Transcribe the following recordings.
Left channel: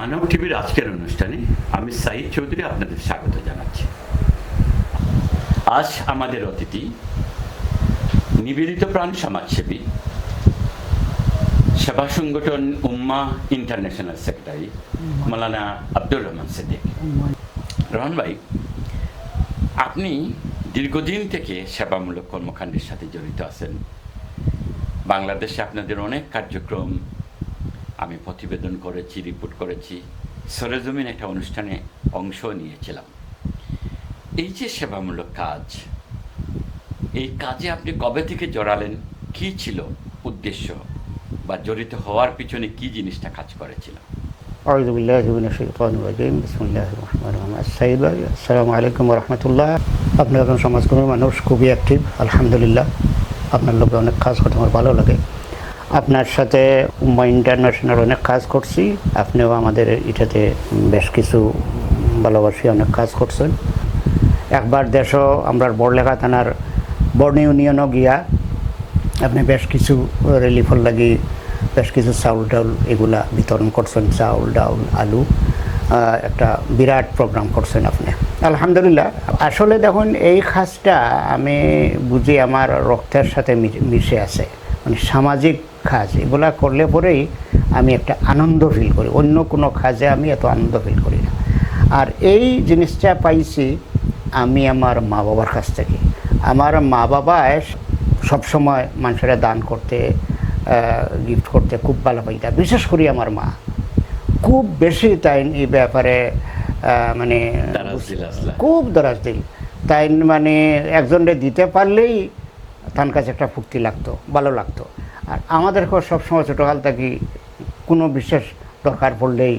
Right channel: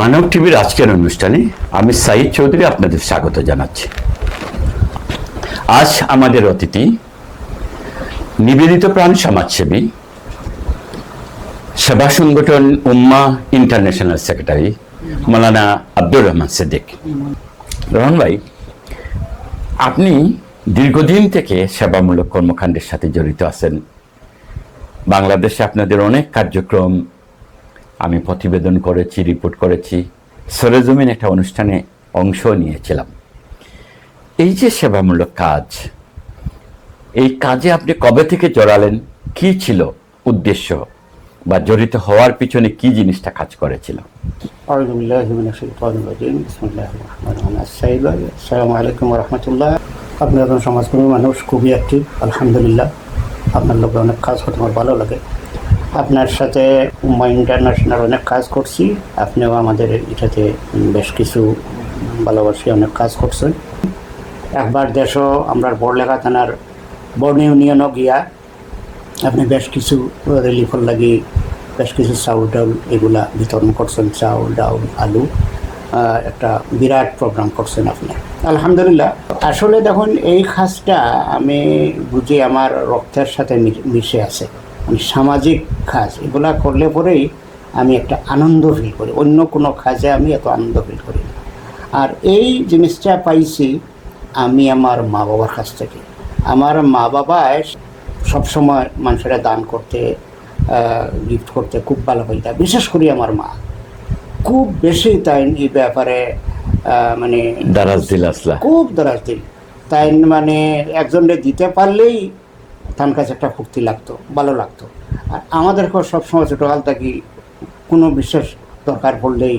মানব টিভির আজকের অনুষ্ঠানে আমি সাইদ চৌধুরী আপনাদের স্বাগত জানাচ্ছি। আজ আমাদের অতিথি নিবেদিত প্রাণ সমাজসেবী, সেবা সংগঠন উম্মা ইন্টারন্যাশনাল সেক্রেটারি মৌলানা আব্দুর রহমান সিদ্দিক। রহমান ভাই, আপনি দীর্ঘদিন থেকে সেবামূলক কর্মকাণ্ডের সাথে জড়িত আছেন। বাংলাদেশে আপনাদের অনেক কার্যক্রম আমি প্রতিবেদন করেছি, রিপোর্ট করেছি, সরেজমিন একটা অনুষ্ঠানে অংশ নিয়েছিলাম। এই যে সেবামূলক কাজ, এই কাজে আপনি কবে থেকে জড়ালেন? কি ছিল উদ্দেশ্য বা জড়িত হওয়ার পিছনে কি জিনিসটা কাজ করেছিল? আসসালামু আলাইকুম ওয়া রাহমাতুল্লাহ। আপনার সমাজকর্মী মানুষ খুবই অ্যাক্টিভ, আলহামদুলিল্লাহ। আপনার লোকে অনেক কাজ করতে আমার ভালো লাগে। আপনার সাথে উম্মা ইন্টারন্যাশনাল অনেক কাজ করছি, আপনিও আমাদের এটাতে বেশ কিছু ভালোবাসি অনেক কাজ করছেন। একবার দেশও আমরা বড়লেখা থানার বর্ণ ইউনিয়নও গিয়া আপনি বেশ কিছু রিলিফর লাগি বেশ কিছু চাউল ডাউল এগুলা বিতরণ করছেন, চাউল ডাউল আলু, একটা বিরাট প্রোগ্রাম করছেন আপনি, আলহামদুলিল্লাহ। আসলে দেখুন, এই কাজটা আমি বুঝি আমার রক্তের সাথে মিশে আছে। মানে সামাজিক কাজ এগুলা করলে পরেই আমি একটা আনন্দ ফিল করি, অন্য কোনো কাজে আমি এত আনন্দ ফিল করি না। আর এই জিনিসটা পাইছি আমি আমার মা বাবার কাছ থেকে। আমার মা বাবা সবসময় মানুষেরা দান করতে, গিফট করতে খুব ভালো পাইতাম। বিশেষ করি আমার মা খুব বেশি তাই এই ব্যাপারে মানে খুব দারাজ দিল। তাই মানে একজনকে দিতে পারলেই তার কাছে একটা ফুর্তি লাগতো, ভালো লাগতো। আর আমাদেরকেও সবসময় ছোটোকাল থেকে কোনো বিশেষ দরকার পড়লেই,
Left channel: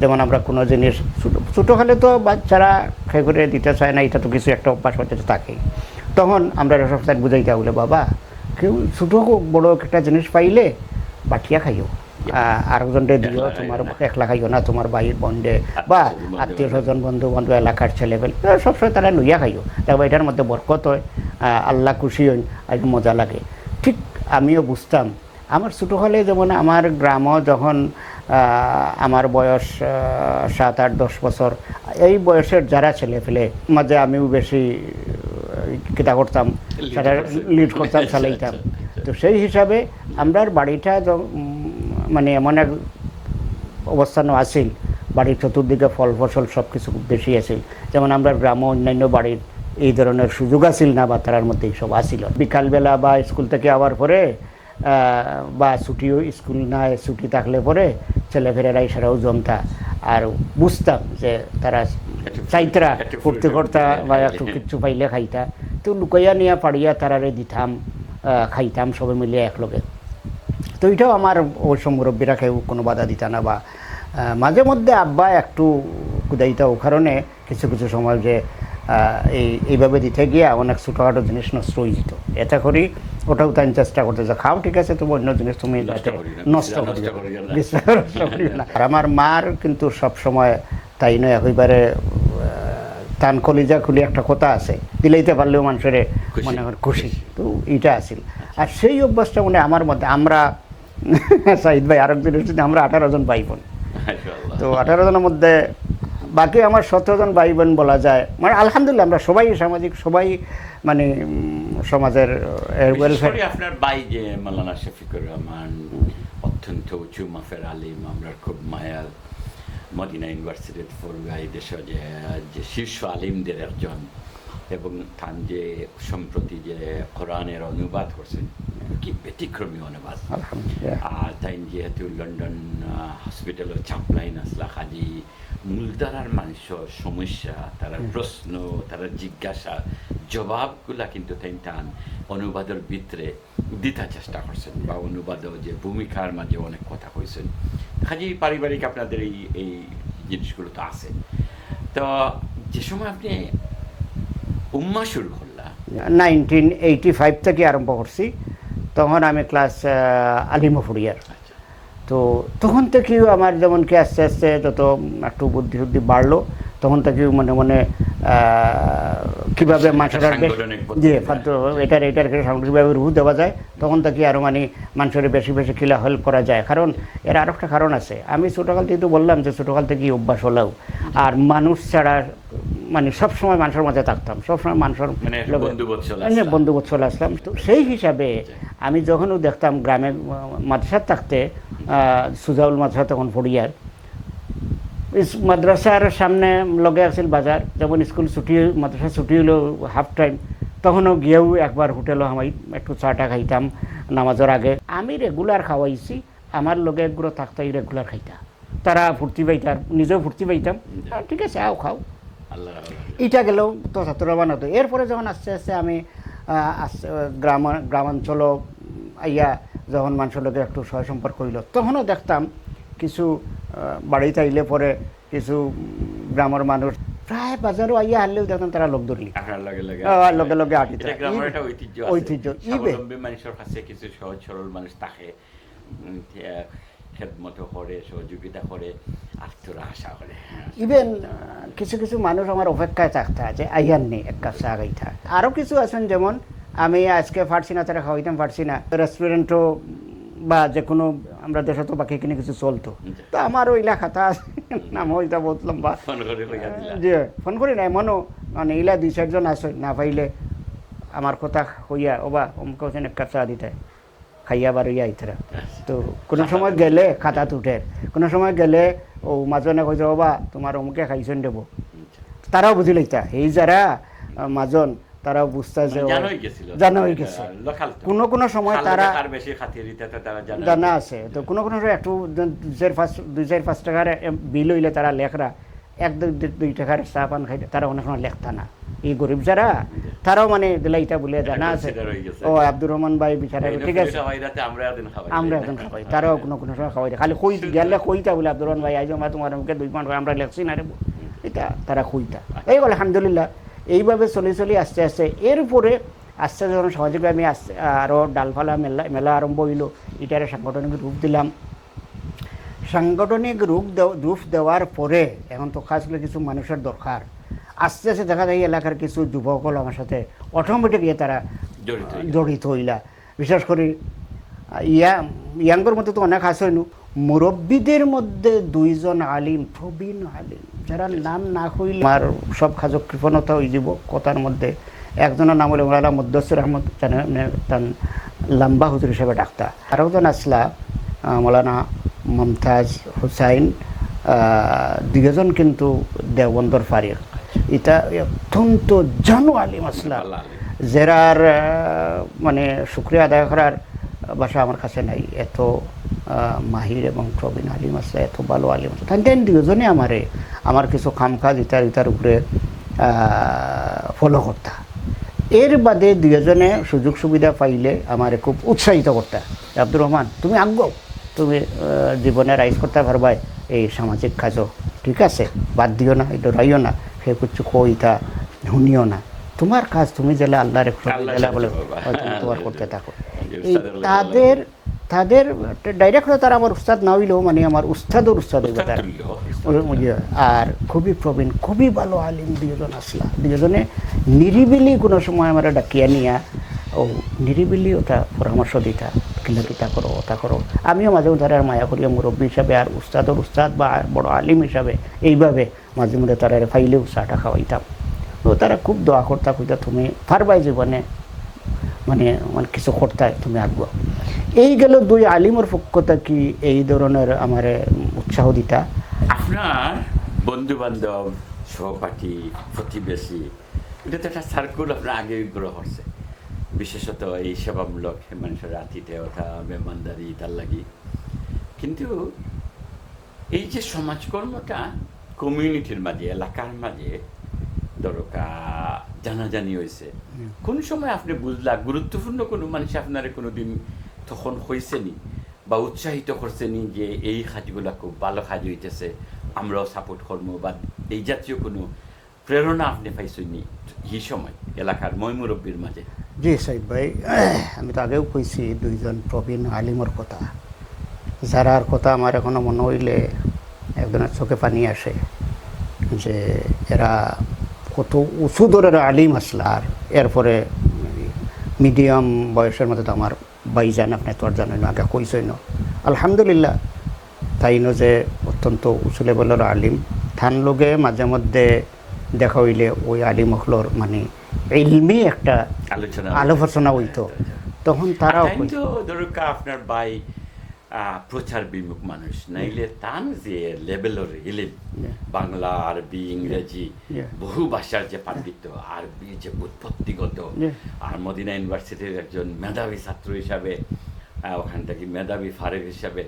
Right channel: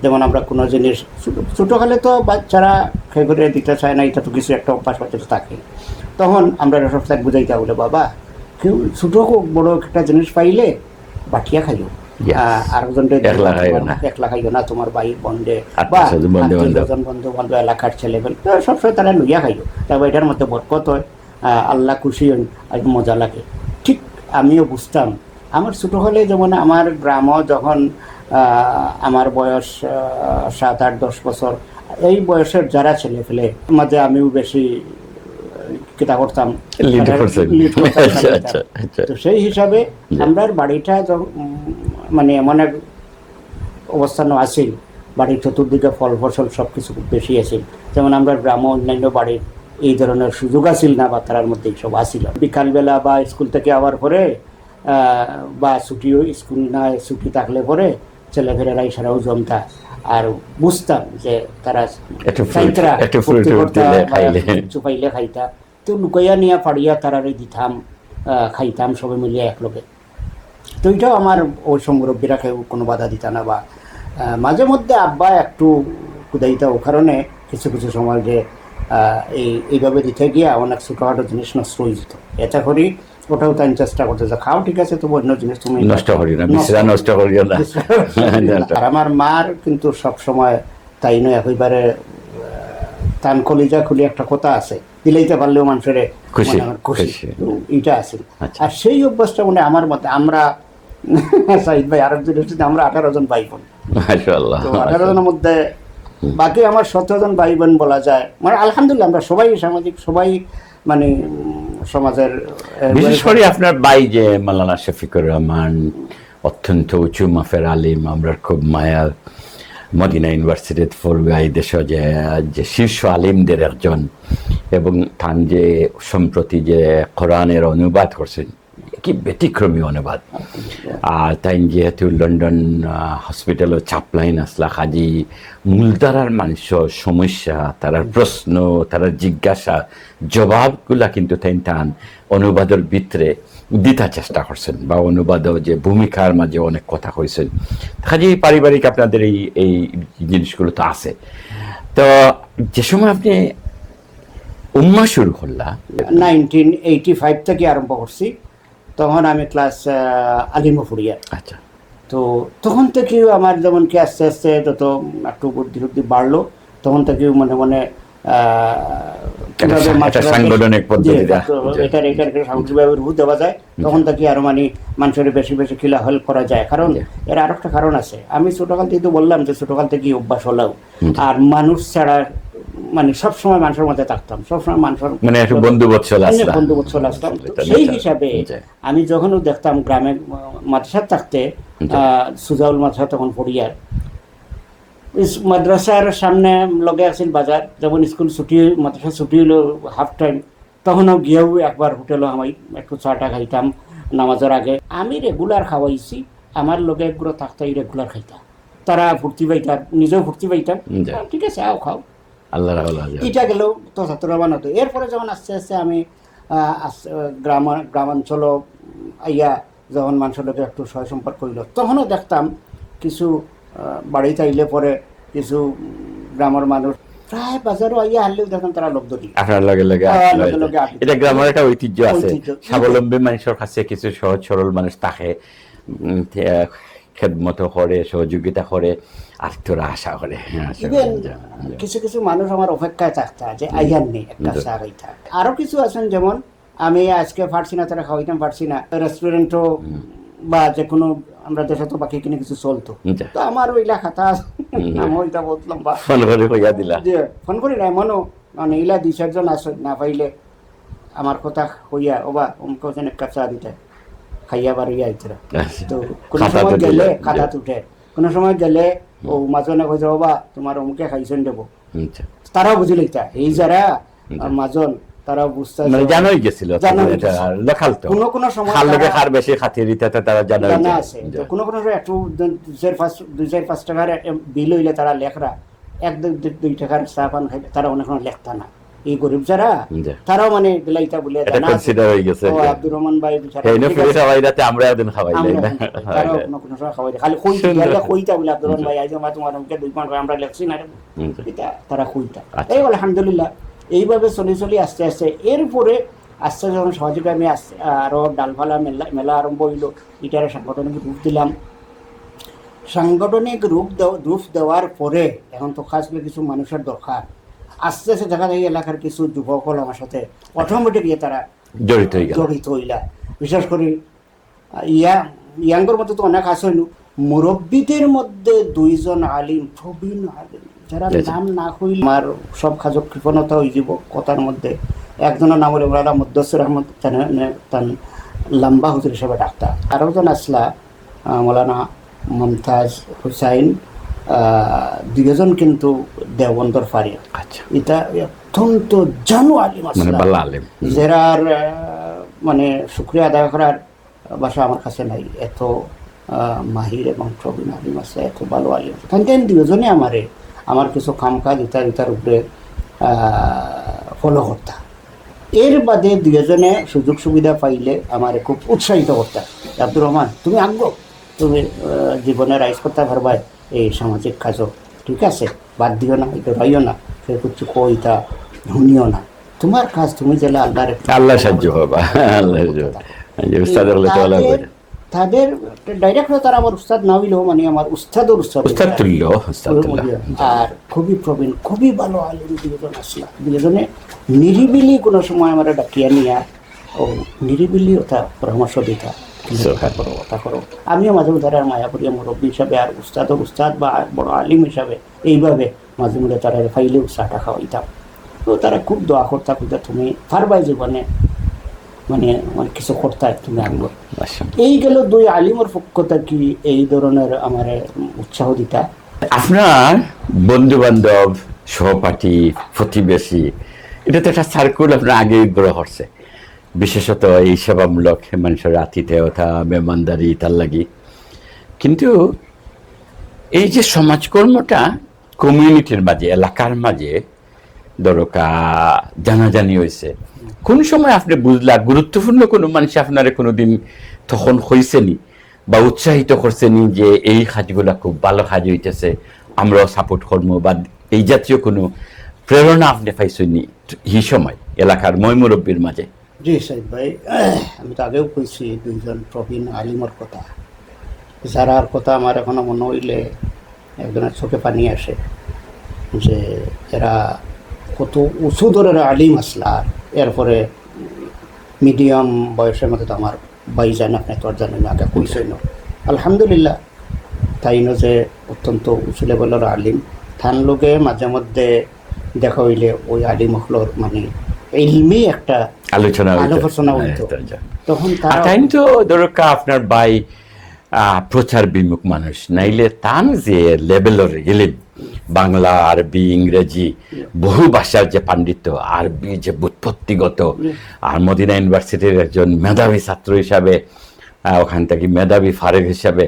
যেমন আমরা কোনো জিনিস ছোটোকালে তো বাচ্চারা ফেভারে দিতে চায় না, এটা তো কিছু একটা অভ্যাস করতে থাকেই। তখন আমরা সবসময় বুঝাইতে বলে, বাবা কেউ ছোটো বড় একটা জিনিস পাইলে বাকিয়া খাইও, আরেকজনকে একলা খাইও না, তোমার ভাইয়ের বন্ধে বা বন্ধু বান্ধব এলাকার ছেলেবেল সবসময় তারা লইয়া খাইও, তবে এটার মধ্যে বরকত হয়, আল্লাহ খুশি হন, আর মজা লাগে। ঠিক আমিও বুঝতাম। আমার ছোটো হলে যেমন আমার গ্রামও যখন আমার বয়স 7, 8, 10 বছর, এই বয়সের যারা ছেলে ফেলে মাঝে আমিও বেশি কিতা করতাম, তো সেই হিসাবে আমরা বাড়িটা মানে এমন এক অবস্থানও আছে, বাড়ির চতুর্দিকে ফল ফসল সব কিছু বেশি আছে। যেমন আমরা গ্রাম অন্যান্য বাড়ির এই ধরনের সুযোগ আসিল না, বা তার মধ্যে সব আসিল। বিকালবেলা বা স্কুল থেকে আবার পরে বা ছুটি, স্কুল না ছুটি থাকলে পরে ছেলেমেয়েরা ইশারাও জমতা, আর বুঝতাম যে তারা পাইলে খাইতা, তো লুকাইয়া নিয়ে পাড়িয়া তারারে দিতাম, খাইতাম সবাই মিলে একলগে। তো এটাও আমার ওই মুরব্বীরা কেউ কোনো বাধা দিত না, বা মাঝে মধ্যে আব্বা একটু কুদাইত, ও কারণে কিছু কিছু সময় যে এইভাবে দিতে গিয়ে অনেক ছোটোখাটো জিনিস নষ্ট হয়ে যেত। এটা করি ওটাও তাই চেষ্টা করতে যা খাও, ঠিক আছে, তবু অন্য জিনিস তুমি নষ্ট করি না। আমার মার কিন্তু সবসময় তাই নয়, একেবারে তান কলিজা খুলি একটা কথা আছে, দিলেইতে পারলেও মানুষের খুশি খুশি, এটা আছে। আর সেই অভ্যাসটা মনে আমার মতে আমরা সাইদ ভাই আরেকজন, আমরা 18 জন ভাই বোন, 18 জনের মধ্যে বাকি আমার 17 জন ভাই বোন বলা যায়। মানে আলহামদুলিল্লাহ আমরা সবাই সামাজিক, সবাই মানে সমাজের। বিশেষ করে আপনার ভাই যে মাওলানা শফিকুর রহমান, অত্যন্ত উঁচু মাফের আলিম, আমরা খুব মায়া, মদিনা ইউনিভার্সিটিতে পড়বে, এই দেশে যে শীর্ষ আলিমদের একজন, এবং তান যে সম্প্রতি যে কোরআনের অনুবাদ করছেন, কি ব্যতিক্রমী অনুবাদ। আর তাই যেহেতু লন্ডন হসপিটালও চাপলাইন আসলা, কাজী মূলধারার মানুষের সমস্যা, তারার প্রশ্ন, তারার জিজ্ঞাসা জবাবগুলা কিন্তু তাই টান অনুবাদের ভিতরে দিতে চেষ্টা করছেন, বা অনুবাদও যে ভূমিকার মাঝে অনেক কথা কইছেন। কাজী পারিবারিক আপনাদের এই জিনিসগুলো তো আছে। তো যে সময় আপনি উম্মা শুরু করলাম 1985 থেকে আরম্ভ করছি, তখন আমি ক্লাস আলিমপুরিয়ার। আচ্ছা, তো তখন থেকেও আমার যেমন কি আস্তে আস্তে যত একটু বুদ্ধি বাড়লো, তখন থেকেও মনে মনে কিভাবে একটা সাংগঠনিক পদ্ধতিটা এটার সাংগঠনিকভাবে রূপ দেওয়া যায়, তখন থেকে আরো মানে মানুষের বেশি বেশি খিলা হেল্প করা যায়। কারণ এর আর একটা কারণ আছে, আমি ছোটকাল থেকে বললাম যে ছোটকাল থেকে অভ্যাস হলেও আর মানুষ ছাড়া মানে সবসময় মানুষের মধ্যে থাকতাম, সবসময় মানুষের মানে একটু বন্ধু বৎসল আসতাম। সেই হিসাবে আমি যখনও দেখতাম গ্রামের মাদ্রাসা থাকতে, সুজাউল মাদ্রাসা তখন পড়িয়া, মাদ্রাসার সামনে লগে আছিল বাজার, যখন স্কুল ছুটি মাদ্রাসা ছুটি হলো হাফ টাইম, তখনও গিয়েও একবার হোটেলও আমি একটু চাটা খাইতাম নামাজের আগে। আমি রেগুলার খাওয়াইছি, আমার লোকে পুরো থাকতে রেগুলার খাইতাম, তারা ফুর্তি পাইতাম, নিজেও ফুর্তি পাইতাম, ঠিক আছে আও খাও, আল্লাহ এটা গেলেও তো ছাত্রমান হতো। এরপরে যখন আস্তে আস্তে আমি গ্রামাঞ্চল আইয়া যখন মানুষের লোকে একটু সহায় সম্পর্ক হইল, তখনও দেখতাম কিছু বাড়িতে আইলে পরে কিছু গ্রামের মানুষ প্রায় বাজারও আইয়া আনলেও দেখতাম তারা লোক ধরি আপনার লগে লগে এটা গ্রামের একটা ঐতিহ্য আছে। স্বাবলম্বী মানুষের কাছে কিছু সহজ সরল মানুষ থাকে, খেদমত করে, সহযোগিতা করে, আর তোরা আশা করে। ইভেন কিছু কিছু মানুষ আমার অপেক্ষায় থাকতে আছে আইয়ার নেই এক কাপ চা খাইতা। আরো কিছু আছেন, যেমন আমি আজকে পারছি না, তারা খাওয়াইতাম পারছি না, রেস্টুরেন্টও বা যে কোনো আমরা দেশে তো বাকি কিনে কিছু চলতো, তো আমার ওইলা খাতা নাম ওইটা বললাম বা ফোন করে হইয়া দিলা, ফোন করি না এমনও মানে ইলা 2-4 জন আছে, না পাইলে আমার কথা হইয়া ওবা অমুক এক কাপ চা দিতে খাইয়া বাড়িয়া আইতরা। তো কোনো সময় গেলে খাতা উঠে, কোনো সময় গেলে ও মাজনে কইতে বাবা তোমার অমুকে খাইছেন দেবো, তারাও বুঝি লইতা এই যারা মাজন তারাও বুঝতে জানোই গেছিল কোনো কোনো সময় খার বেশি খাতির তারা জানা আছে। তো কোনো কোনো একটু 2-5 টাকার বিল হইলে তারা লেখরা 1-2 টাকার চা পান খাইতে তারা অনেক সময় লেখতা না, এই গরিব যারা তারাও মানে বেলাইটা বলে আব্দুর রহমান ভাই আমরা একদিন খাওয়াই তারাও কোনো কোনো সময় খাওয়াই খালি কইতা বলে আব্দুর রহমান ভাই তোমার মুখে 2 মাস আমরা লেখছি না, এটা তারা কইতা। এই বলে আলহামদুলিল্লাহ এইভাবে চলি আস্তে আস্তে। এরপরে আস্তে যখন সহযোগে আমি আরো ডালফালা মেলা আরম্ভ হইল, এটার সাংগঠনিক রূপ দিলাম। সাংগঠনিক রূপ দেওয়ার পরে এখন তো খাস করে কিছু মানুষের দরকার, আস্তে আস্তে দেখা যায় এলাকার কিছু যুবকল আমার সাথে অটোমেটিক তারা জড়িত হইলা। বিশেষ করে ইয়াঙ্গর মধ্যে তো অনেক আছেন, মুরব্বীদের মধ্যে 2 জন আলিম, প্রবীণ আলিম, যারা নাম না হইলে আমার সব খাজক কৃপণতা হয়ে যাব কথার মধ্যে। একজনের নাম হলো ওনারা মুদ্দাসির আহমদ লম্বা হুজুর হিসেবে ডাক্তার, আরও জন আসলা মৌলানা মমতাজ হুসাইন, 2 জন কিন্তু দেওবন্দর ফারিক। এটা অত্যন্ত জানু আলিম যারার মানে শুক্রিয়া আদায় করার ভাষা আমার কাছে নাই, এত মাহির এবং প্রবীণ আলিম আছে, এত ভালো আলিম আছে। তাই 2 জনে আমার কিছু খামখা ইটার উপরে ফলো করতা। এর বাদে 2 জনে সুযোগ সুবিধা পাইলে আমার খুব উৎসাহিত করতা, আব্দুর রহমান তুমি আগ্রহ, তুমি জীবনে রাইজ করতে পারবা এই সামাজিক কাজও, ঠিক আছে বাদ দিও না, এটা রাইও না, সে কিছু কইতা শুনিও না, তোমার কাজ তুমি গেলে আল্লাহ সাহায্য হবে। তাদের ডাইরেক্ট তারা আমার উস্তাদ না হইলেও মানে আমার উস্তাদের উস্তাদ তুল্য, আর খুবই প্রবীণ, খুবই ভালো আলিম 2 জন আসলা। 2 জনে নিরিবিলি কোনো সময় আমার ডাকিয়া নিয়া ও নিরিবিলি ওটা পরামর্শ দিতা, ওটা করো ওটা করো। আমিও মাঝে মধ্যে মায়া করি মুরব্বী হিসাবে আর উস্তাদের উস্তাদ বা বড় আলিম হিসাবে এইভাবে মাঝে মধ্যে তারা ফাইলেও চাটা খাওয়াইতাম। তো তারা খুব দোয়া করতা, তুমি পারবাই জীবনে মানে আমার কিছু করতে তুমি আনবো। এই গেল 2 আলিমের পক্ষতা কি এই ধরনের আমার উৎসাহ দিতা। আপনার বন্ধু বান্ধব, সহপাঠী, প্রতিবেশী, এটা তো একটা সার্কুল আপনার আগে গ্রহ করছে, বিশেষত এই সেবামূলক মানুষের আতিথেয়তা, মেহমানদারি তার লাগি। কিন্তু এই যে সমাজকর্মটা কমিউনিটির মাঝে, এলাকার মাঝে জানাজানি হয়েছে, কোন সময় আপনি বুঝলা গুরুত্বপূর্ণ কোনো মানুষ আপনারা কোনোদিন তখন হয়েছেনি বা উৎসাহিত করছেনি যে এই কাজগুলা খুব ভালো কাজ হইতেছে, আমরাও সাপোর্ট করবো, বা এই জাতীয় কোনো প্রেরণা আপনি পাইছেনি এই সময় এলাকার মুরব্বীর মাঝে? জি সাহেব ভাই, আমি তো আগেও কইছি 2 জন প্রবীণ আলিমের কথা, যারার কথা আমার এখনো মনে হইলে একজনের চোখে পানি আসে, যে এরা কত উঁচু ধরনের আলিম আসলা। আর এরপরে মিডিয়াম বয়সের মধ্যে তো আমার ভাইজান, আপনি তো আর জানেন, আগে কইসই না, আলহামদুলিল্লাহ তাই না, যে অত্যন্ত উঁচু লেভেলের আলিম। থান লোকে মাঝে মধ্যে দেখা হইলে ওই আলিম হলোর মানে ইলমি একটা আলোচনা হইতো, তখন তারা তাই তো দরকার আপনার ভাই প্রচার বিমুখ মানুষ, নাইলে তান যে লেভেলের ইলিম, বাংলা, আরবি, ইংরেজি, বহু ভাষার যে পাণ্ডিত্য, আরবি যে বুৎপত্তিগত, আর মদিনা ইউনিভার্সিটির একজন মেধাবী ছাত্র হিসাবে, ওখান থেকে মেধাবী ফারেক হিসাবে,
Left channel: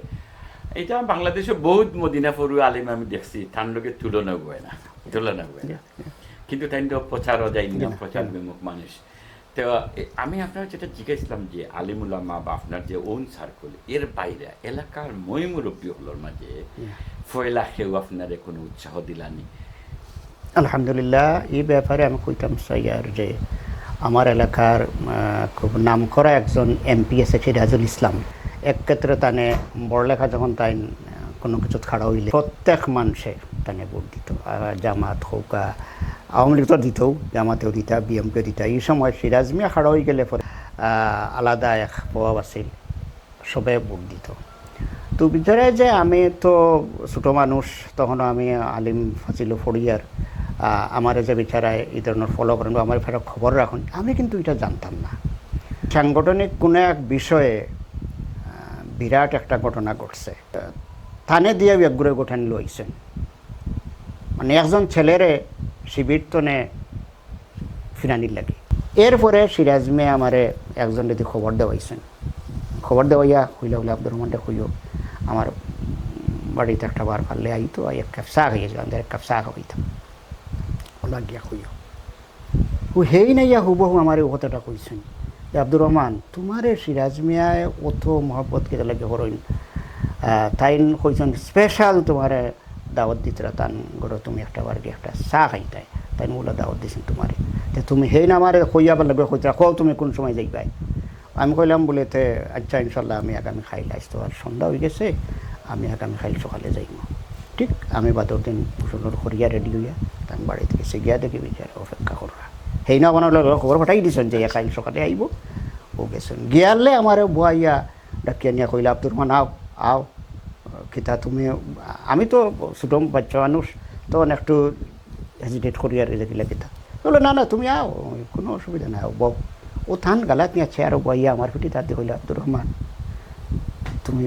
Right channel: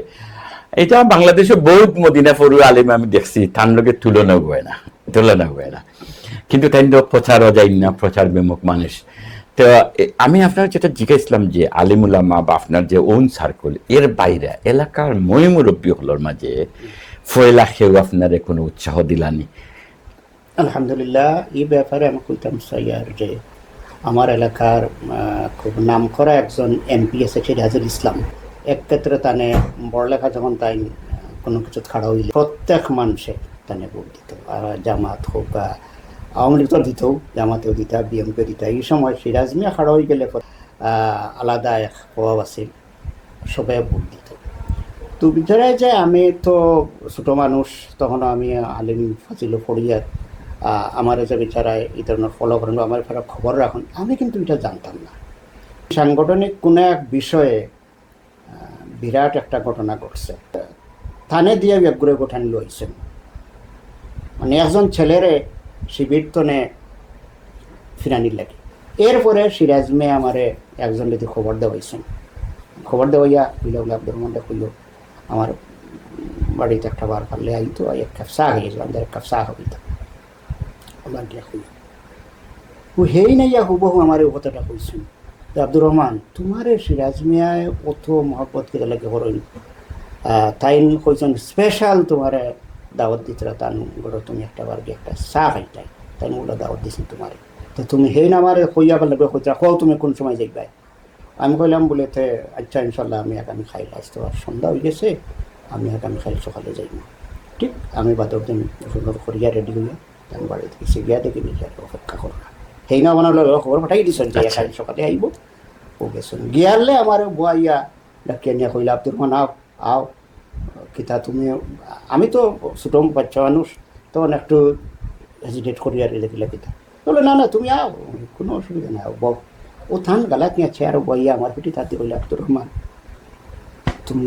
এটা বাংলাদেশে বহুত মদিনা ফরু আলিম আমি দেখছি, তার লোকের তুলনা হয় না। কিন্তু তাই তো প্রচারও যাই না, প্রচার বিমুখ মানুষ। তো আমি আপনার যেটা জিজ্ঞাসলাম যে আলিমুলামা বা আপনার যে ওন সার্কেল, এর বাইরে এলাকার মই মুরব্বী হলোর মাঝে ফয়লা খেয়েও আপনার কোনো উৎসাহ দিলানি? আলহামদুলিল্লাহ, এই ব্যাপারে আমি কইতাম সাইয়ার যে আমার এলাকার খুব নাম করা একজন এমপি আছে সিরাজুল ইসলাম, এক ক্ষেত্রে তানে বড়লেখা যখন তাই কোনো কিছু খাড়া হইলে প্রত্যেক মানুষে তানে ভোট দিত, জামাত হোক বা আওয়ামী লীগ দিত, জামাতেও দিতা, বিএমকে দিতা। এই সময় সিরাজ মিয়া খাড়া হয়ে গেলে আলাদা এক প্রভাব আছে, সবাই ভোট দিত। তো ভিতরে যে আমি তো ছোট মানুষ, তখন আমি আলিম ফাজিল ফড়িয়ার, আমার যে বিচারায় এই ধরনের ফলো করেন, আমার ফেরা খবর রাখুন, আমি কিন্তু এটা জানতাম না। সাংগঠনিক কোনো এক বিষয়ে বিরাট একটা ঘটনা ঘটছে, থানে দিয়ে একগুড়ে গোঠান লইছেন, মানে একজন ছেলেরে শিবির তনে ফিরানি লাগে। এরপরে সিরাজ মেয়ে আমারে একজন যদি খবর দেওয়াইছেন, খবর দেওয়াইয়া কইল আব্দুর রহমানটা কইল আমার বাড়িতে একটা বার পারলে আইতো, এক কাপ চা হয়েছিলাম, এক কাপ চা হইতো, ওলা গিয়া কইল ও হেই নাইয়া হুবহু আমার কথাটা কইছেন যে আব্দুর রহমান তোমার সিরাজ মিয়ায় অত মহব্বত কে লাগে হরইন, তাই কইছেন স্পেশাল তোমার দাওয়াত দিতে, তান গড়ো তুমি একটা বার গিয়ে একটা চা খাইতাই, তাই ওটা দাওয়াত দিছি তোমার, তুমি হেই না আমার কইয়া বলে কইতা কও তুমি কোন সময় যাইবাই। আমি কইলাম বলেতে আচ্ছা ইনশাল্লাহ আমি আগামী খাইল আসতে পার, সন্ধ্যা হয়ে গেছে, আমি আগামী খাইল সকালে যাইব। ঠিক আমি বাদর দিন সুন্দর করিয়া রেডি হইয়া তার বাড়িতে গেছে, গিয়া দেখি বিচার অপেক্ষা করা, সেই না আমার খবর পাঠাই দিয়েছেন যে খাইল সকালে আইব। ও গেছেন, গিয়ালে আমার বুয়াইয়া ডাকিয়া নিয়া কইলা আব্দুর রহমান আও আও কিতা তুমি, আমি তো ছোট বাচ্চা মানুষ, তখন একটু হেজিটেট করিয়া দেখলে কিতা, বলে না না তুমি আও, কোনো অসুবিধা নাই, বক। ও থান গালাত নিয়েছে আর বইয়া আমার পিঠে তাতে বলে আব্দুর রহমান তুমি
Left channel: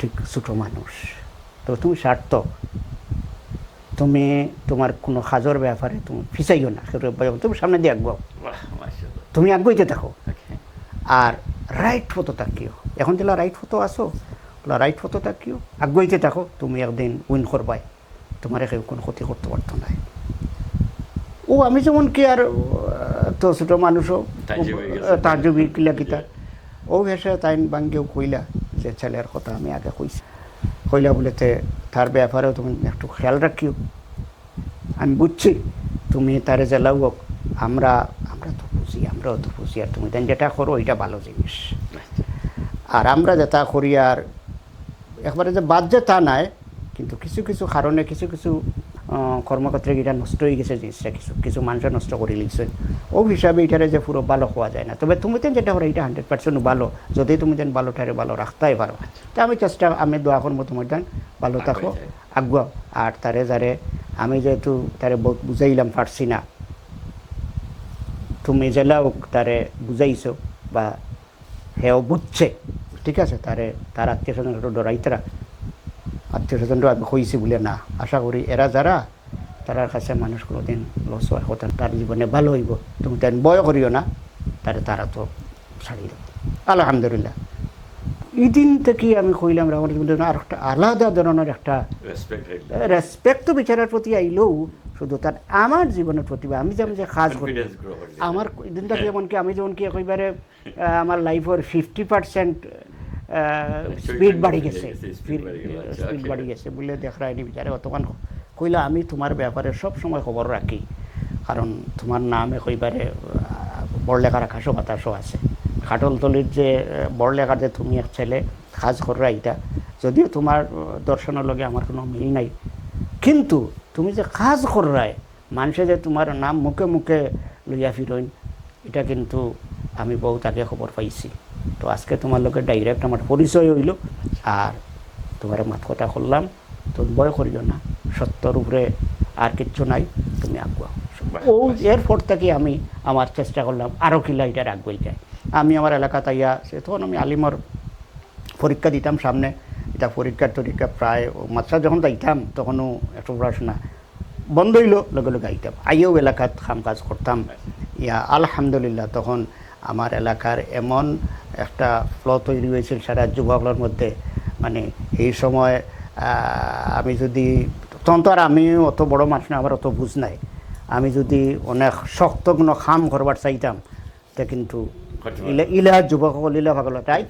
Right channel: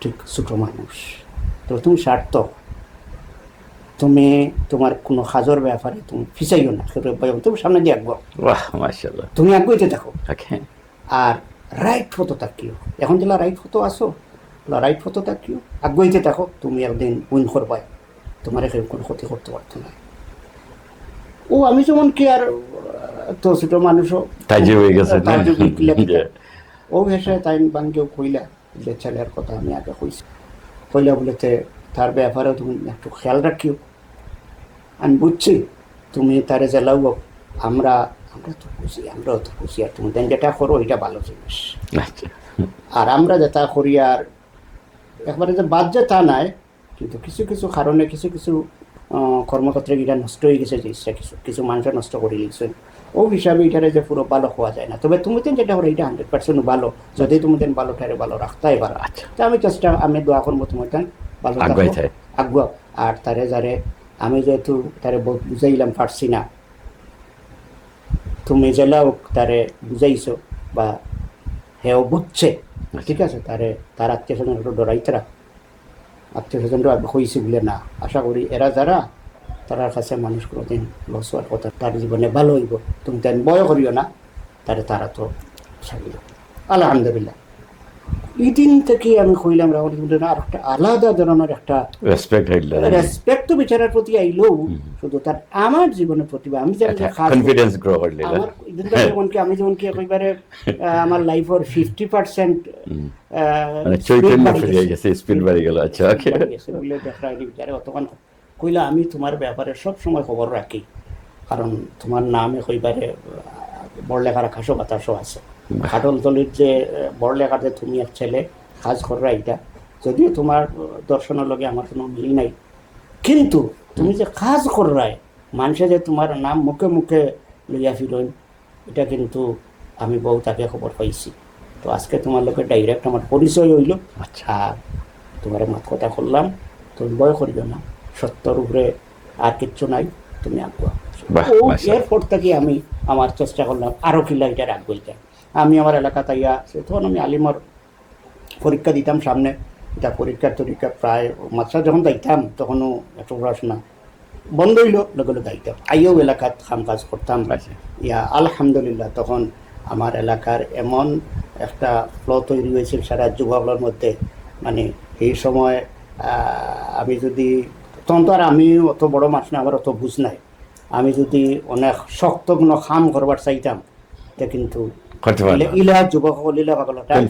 ঠিক ছোট মানুষ, তো তুমি স্বার্থ, তুমি তোমার কোনো কাজের ব্যাপারে তুমি ফিসাইও না, তুমি সামনে দিয়ে আঁকবো, তুমি আঁকবইতে থাকো, আর রাইট ফটো তাকিও, এখন দিলা রাইট ফটো আসো, রাইট ফটো তাকিও, আঁকবইতে থাকো, তুমি একদিন উইন করবাই, তোমার এখানে কোনো ক্ষতি করতে পারতো না। ও আমি যেমন কি আর তো ছোট মানুষও ও এসে তাই বাঙ্গেও কইলা যে ছেলের কথা আমি আগে কইছি, কইলা বলেতে তার ব্যাপারেও তুমি একটু খেয়াল রাখিও, আমি বুঝছি তুমি তারে জ্বালাও, আমরাও তো বুঝি, আর তুমি যেটা করো এটা ভালো জিনিস, আর আমরা যেটা করি আর একবারে যে বাদ যে তা নাই, কিন্তু কিছু কিছু কারণে কিছু কিছু কর্মক্ষেত্রে এটা নষ্ট হয়ে গেছে, কিছু মানুষের নষ্ট করে লিখছেন, ও হিসাবে এটারে যে পুরো ভালো হওয়া যায় না। তবে তুমি যেটা হলো এটা 100% ভালো, যদি তুমি ভালোটারে ভালো রাখতেই পারো। আচ্ছা, তা আমি দোয়া করবো তোমার ভালো আগ্রহ, আর তারে যারে আমি যেহেতু তারে বুঝাইলাম পারছি না, তুমি জেলাও তারে বুঝাইছো বা হেও বুঝছে, ঠিক আছে, তার আত্মীয় স্বজন ডরাইতে রাখ, আত্মীয় স্বজনরা হয়েছে বলে না, আশা করি এরা যারা তার কাছে মানুষ কোনোদিন লস হওয়ার কথা, তার জীবনে ভালো হইব, তুমি তেন বয় করিও না, তারা তো ছাড়িল। আলহামদুলিল্লাহ এই দিন থেকে আমি কইলাম আর একটা আলাদা ধরনের একটা রেসপেক্ট তো বিচারের প্রতি আইলেও, শুধু তার আমার জীবনের প্রতি আমি আমি যেমন কি একেবারে আমার লাইফের 50% কইলা আমি তোমার ব্যাপারে সব সময় খবর রাখি, কারণ তোমার নাম একেবারে বড়লেখার খাসো বাতাসও আছে, খাটলতলির যে বড়লেখাতে তুমি এক ছেলে কাজ কররা, এটা যদিও তোমার দর্শনের লগে আমার কোনো মিল নাই, কিন্তু তুমি যে কাজ কররাই মানুষে যে তোমার নাম মুখে মুখে লইয়া ফিরইন, এটা কিন্তু আমি বহুত আগে খবর পাইছি। তো আজকে তোমার লোকের ডাইরেক্ট আমার পরিচয় হইল। আর তোমার মাত কথা করলাম, তুমি ভয় করিল না, সত্যর উপরে আর কিচ্ছু নাই, তুমি আগুয়া। এরপর থেকে আমি আমার চেষ্টা করলাম আরো কিলা এটা রাখবো। আমি আমার এলাকা তাইয়া তখন আমি আলিমর পরীক্ষা দিতাম সামনে, এটা পরীক্ষা প্রায় মাত্রা যখন যাইতাম তখনও একটু পড়াশোনা বন্ধ হইল, লগে লগে আইতাম, আইও এলাকাত কাম কাজ করতাম। ইয়া আলহামদুলিল্লাহ তখন আমার এলাকার এমন একটা ফ্লো তৈরি হয়েছিল সারা যুবকদের মধ্যে, মানে এই সময় আমি যদি তখন তো আর আমি অত বড় মানুষ না, আবার অত বুঝ নাই, আমি যদি অনেক শক্ত কোনো কাম করবার চাইতাম তা কিন্তু ইলা যুবক ইলা ভাগল তাই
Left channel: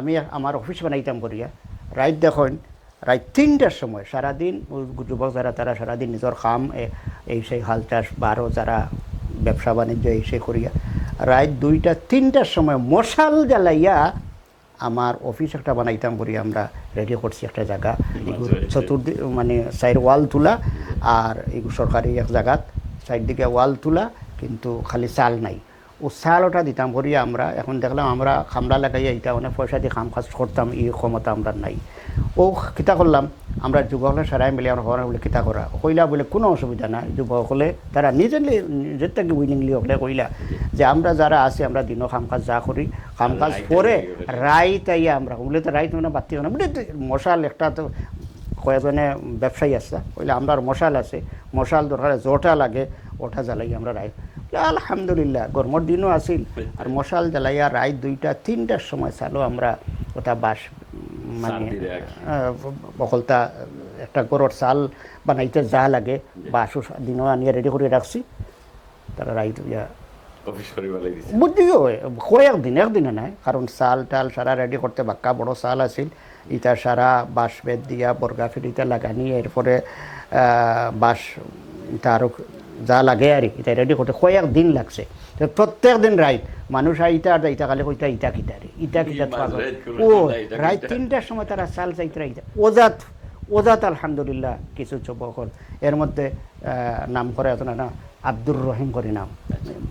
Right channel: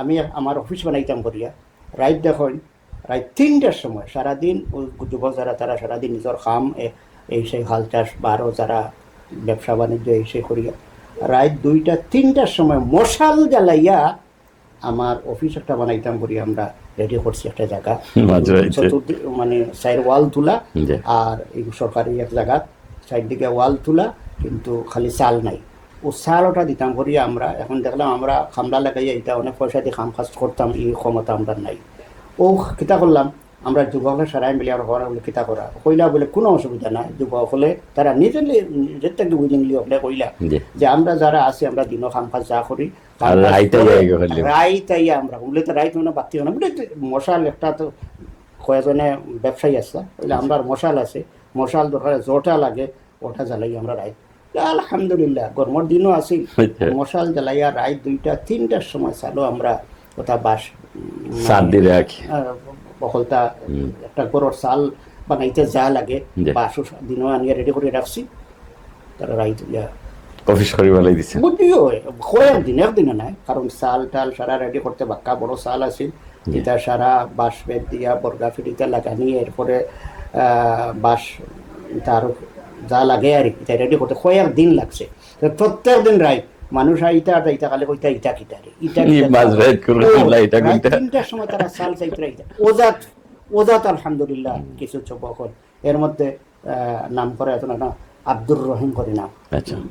আমি আমার অফিস বানাইতাম করিয়া রাত দেখেন রাত 3টার সময় সারাদিন যুবক যারা তারা সারাদিন নিজের কাম এই সেই হাল চাষ বা আরও যারা ব্যবসা বাণিজ্য এই সেই করিয়া রাত 2টা-3টার সময় মশাল জ্বালাইয়া আমার অফিস একটা বানাইতাম করি, আমরা রেডি করছি একটা জায়গা, চতুর্দিক মানে সাইড ওয়াল তুলা, আর এই সরকারি এক জায়গা সাইড দিকে ওয়াল তুলা, কিন্তু খালি চাল নাই, ও সারটা দিতাম করি আমরা। এখন দেখলাম আমরা খামলা লাগাইয়া এটা অনেক পয়সা দিয়ে কাম কাজ করতাম, এই ক্ষমতা আমরা নাই। ও কিতা করলাম আমরা যুবকরা সারাই মিলে আমরা হরা বলে কিতা করা কইলা বলে কোনো অসুবিধা নাই, যুবক হলে তারা নিজের থেকে বুঝিংলি হলে কইলা যে আমরা যারা আছি আমরা দিনও কাম কাজ যা করি রাইতাই আমরা বলে তো রাইত মানে বাতি না মশাল একটা তো কয়েকজনে ব্যবসায়ী আছে বলে আমরা মশাল আছে, মশাল ধরা জোটা লাগে ওটা জ্বালাই আমরা রাইত। আলহামদুলিল্লাহ গরমের দিনও আসি মশাল জ্বালাইয়া রাত 2টা-3টার সময় চালো আমরা ওটা বাস বকলতা একটা গরুর চাল বানাইতে যা লাগে বাসু দিনও আনিয়া রেডি করে রাখছি, তারা রাইত অফিস করে বলাই দিছে বুদ্ধিও একদিনে নাই, কারণ চাল টাল সারা রেডি করতে বাক্কা বড় চাল আছিল, এটা সারা বাঁশ বেত দিয়া বর্গা ফিরিতে লাগানি, এরপরে বাঁশ তার যা লাগে আর এটা রেডি করতে কয়েকদিন লাগছে, প্রত্যেক দিন রাইত মানুষ আইতা আর ইটা খালি কইতা ইটা কিটা রে ইটা 3টার সময় তারা চাল চাইতে রাইতা ওজাত আলহামদুলিল্লাহ কিছু যুবক এর মধ্যে নাম করে এত না আব্দুর রহিম করে নাম,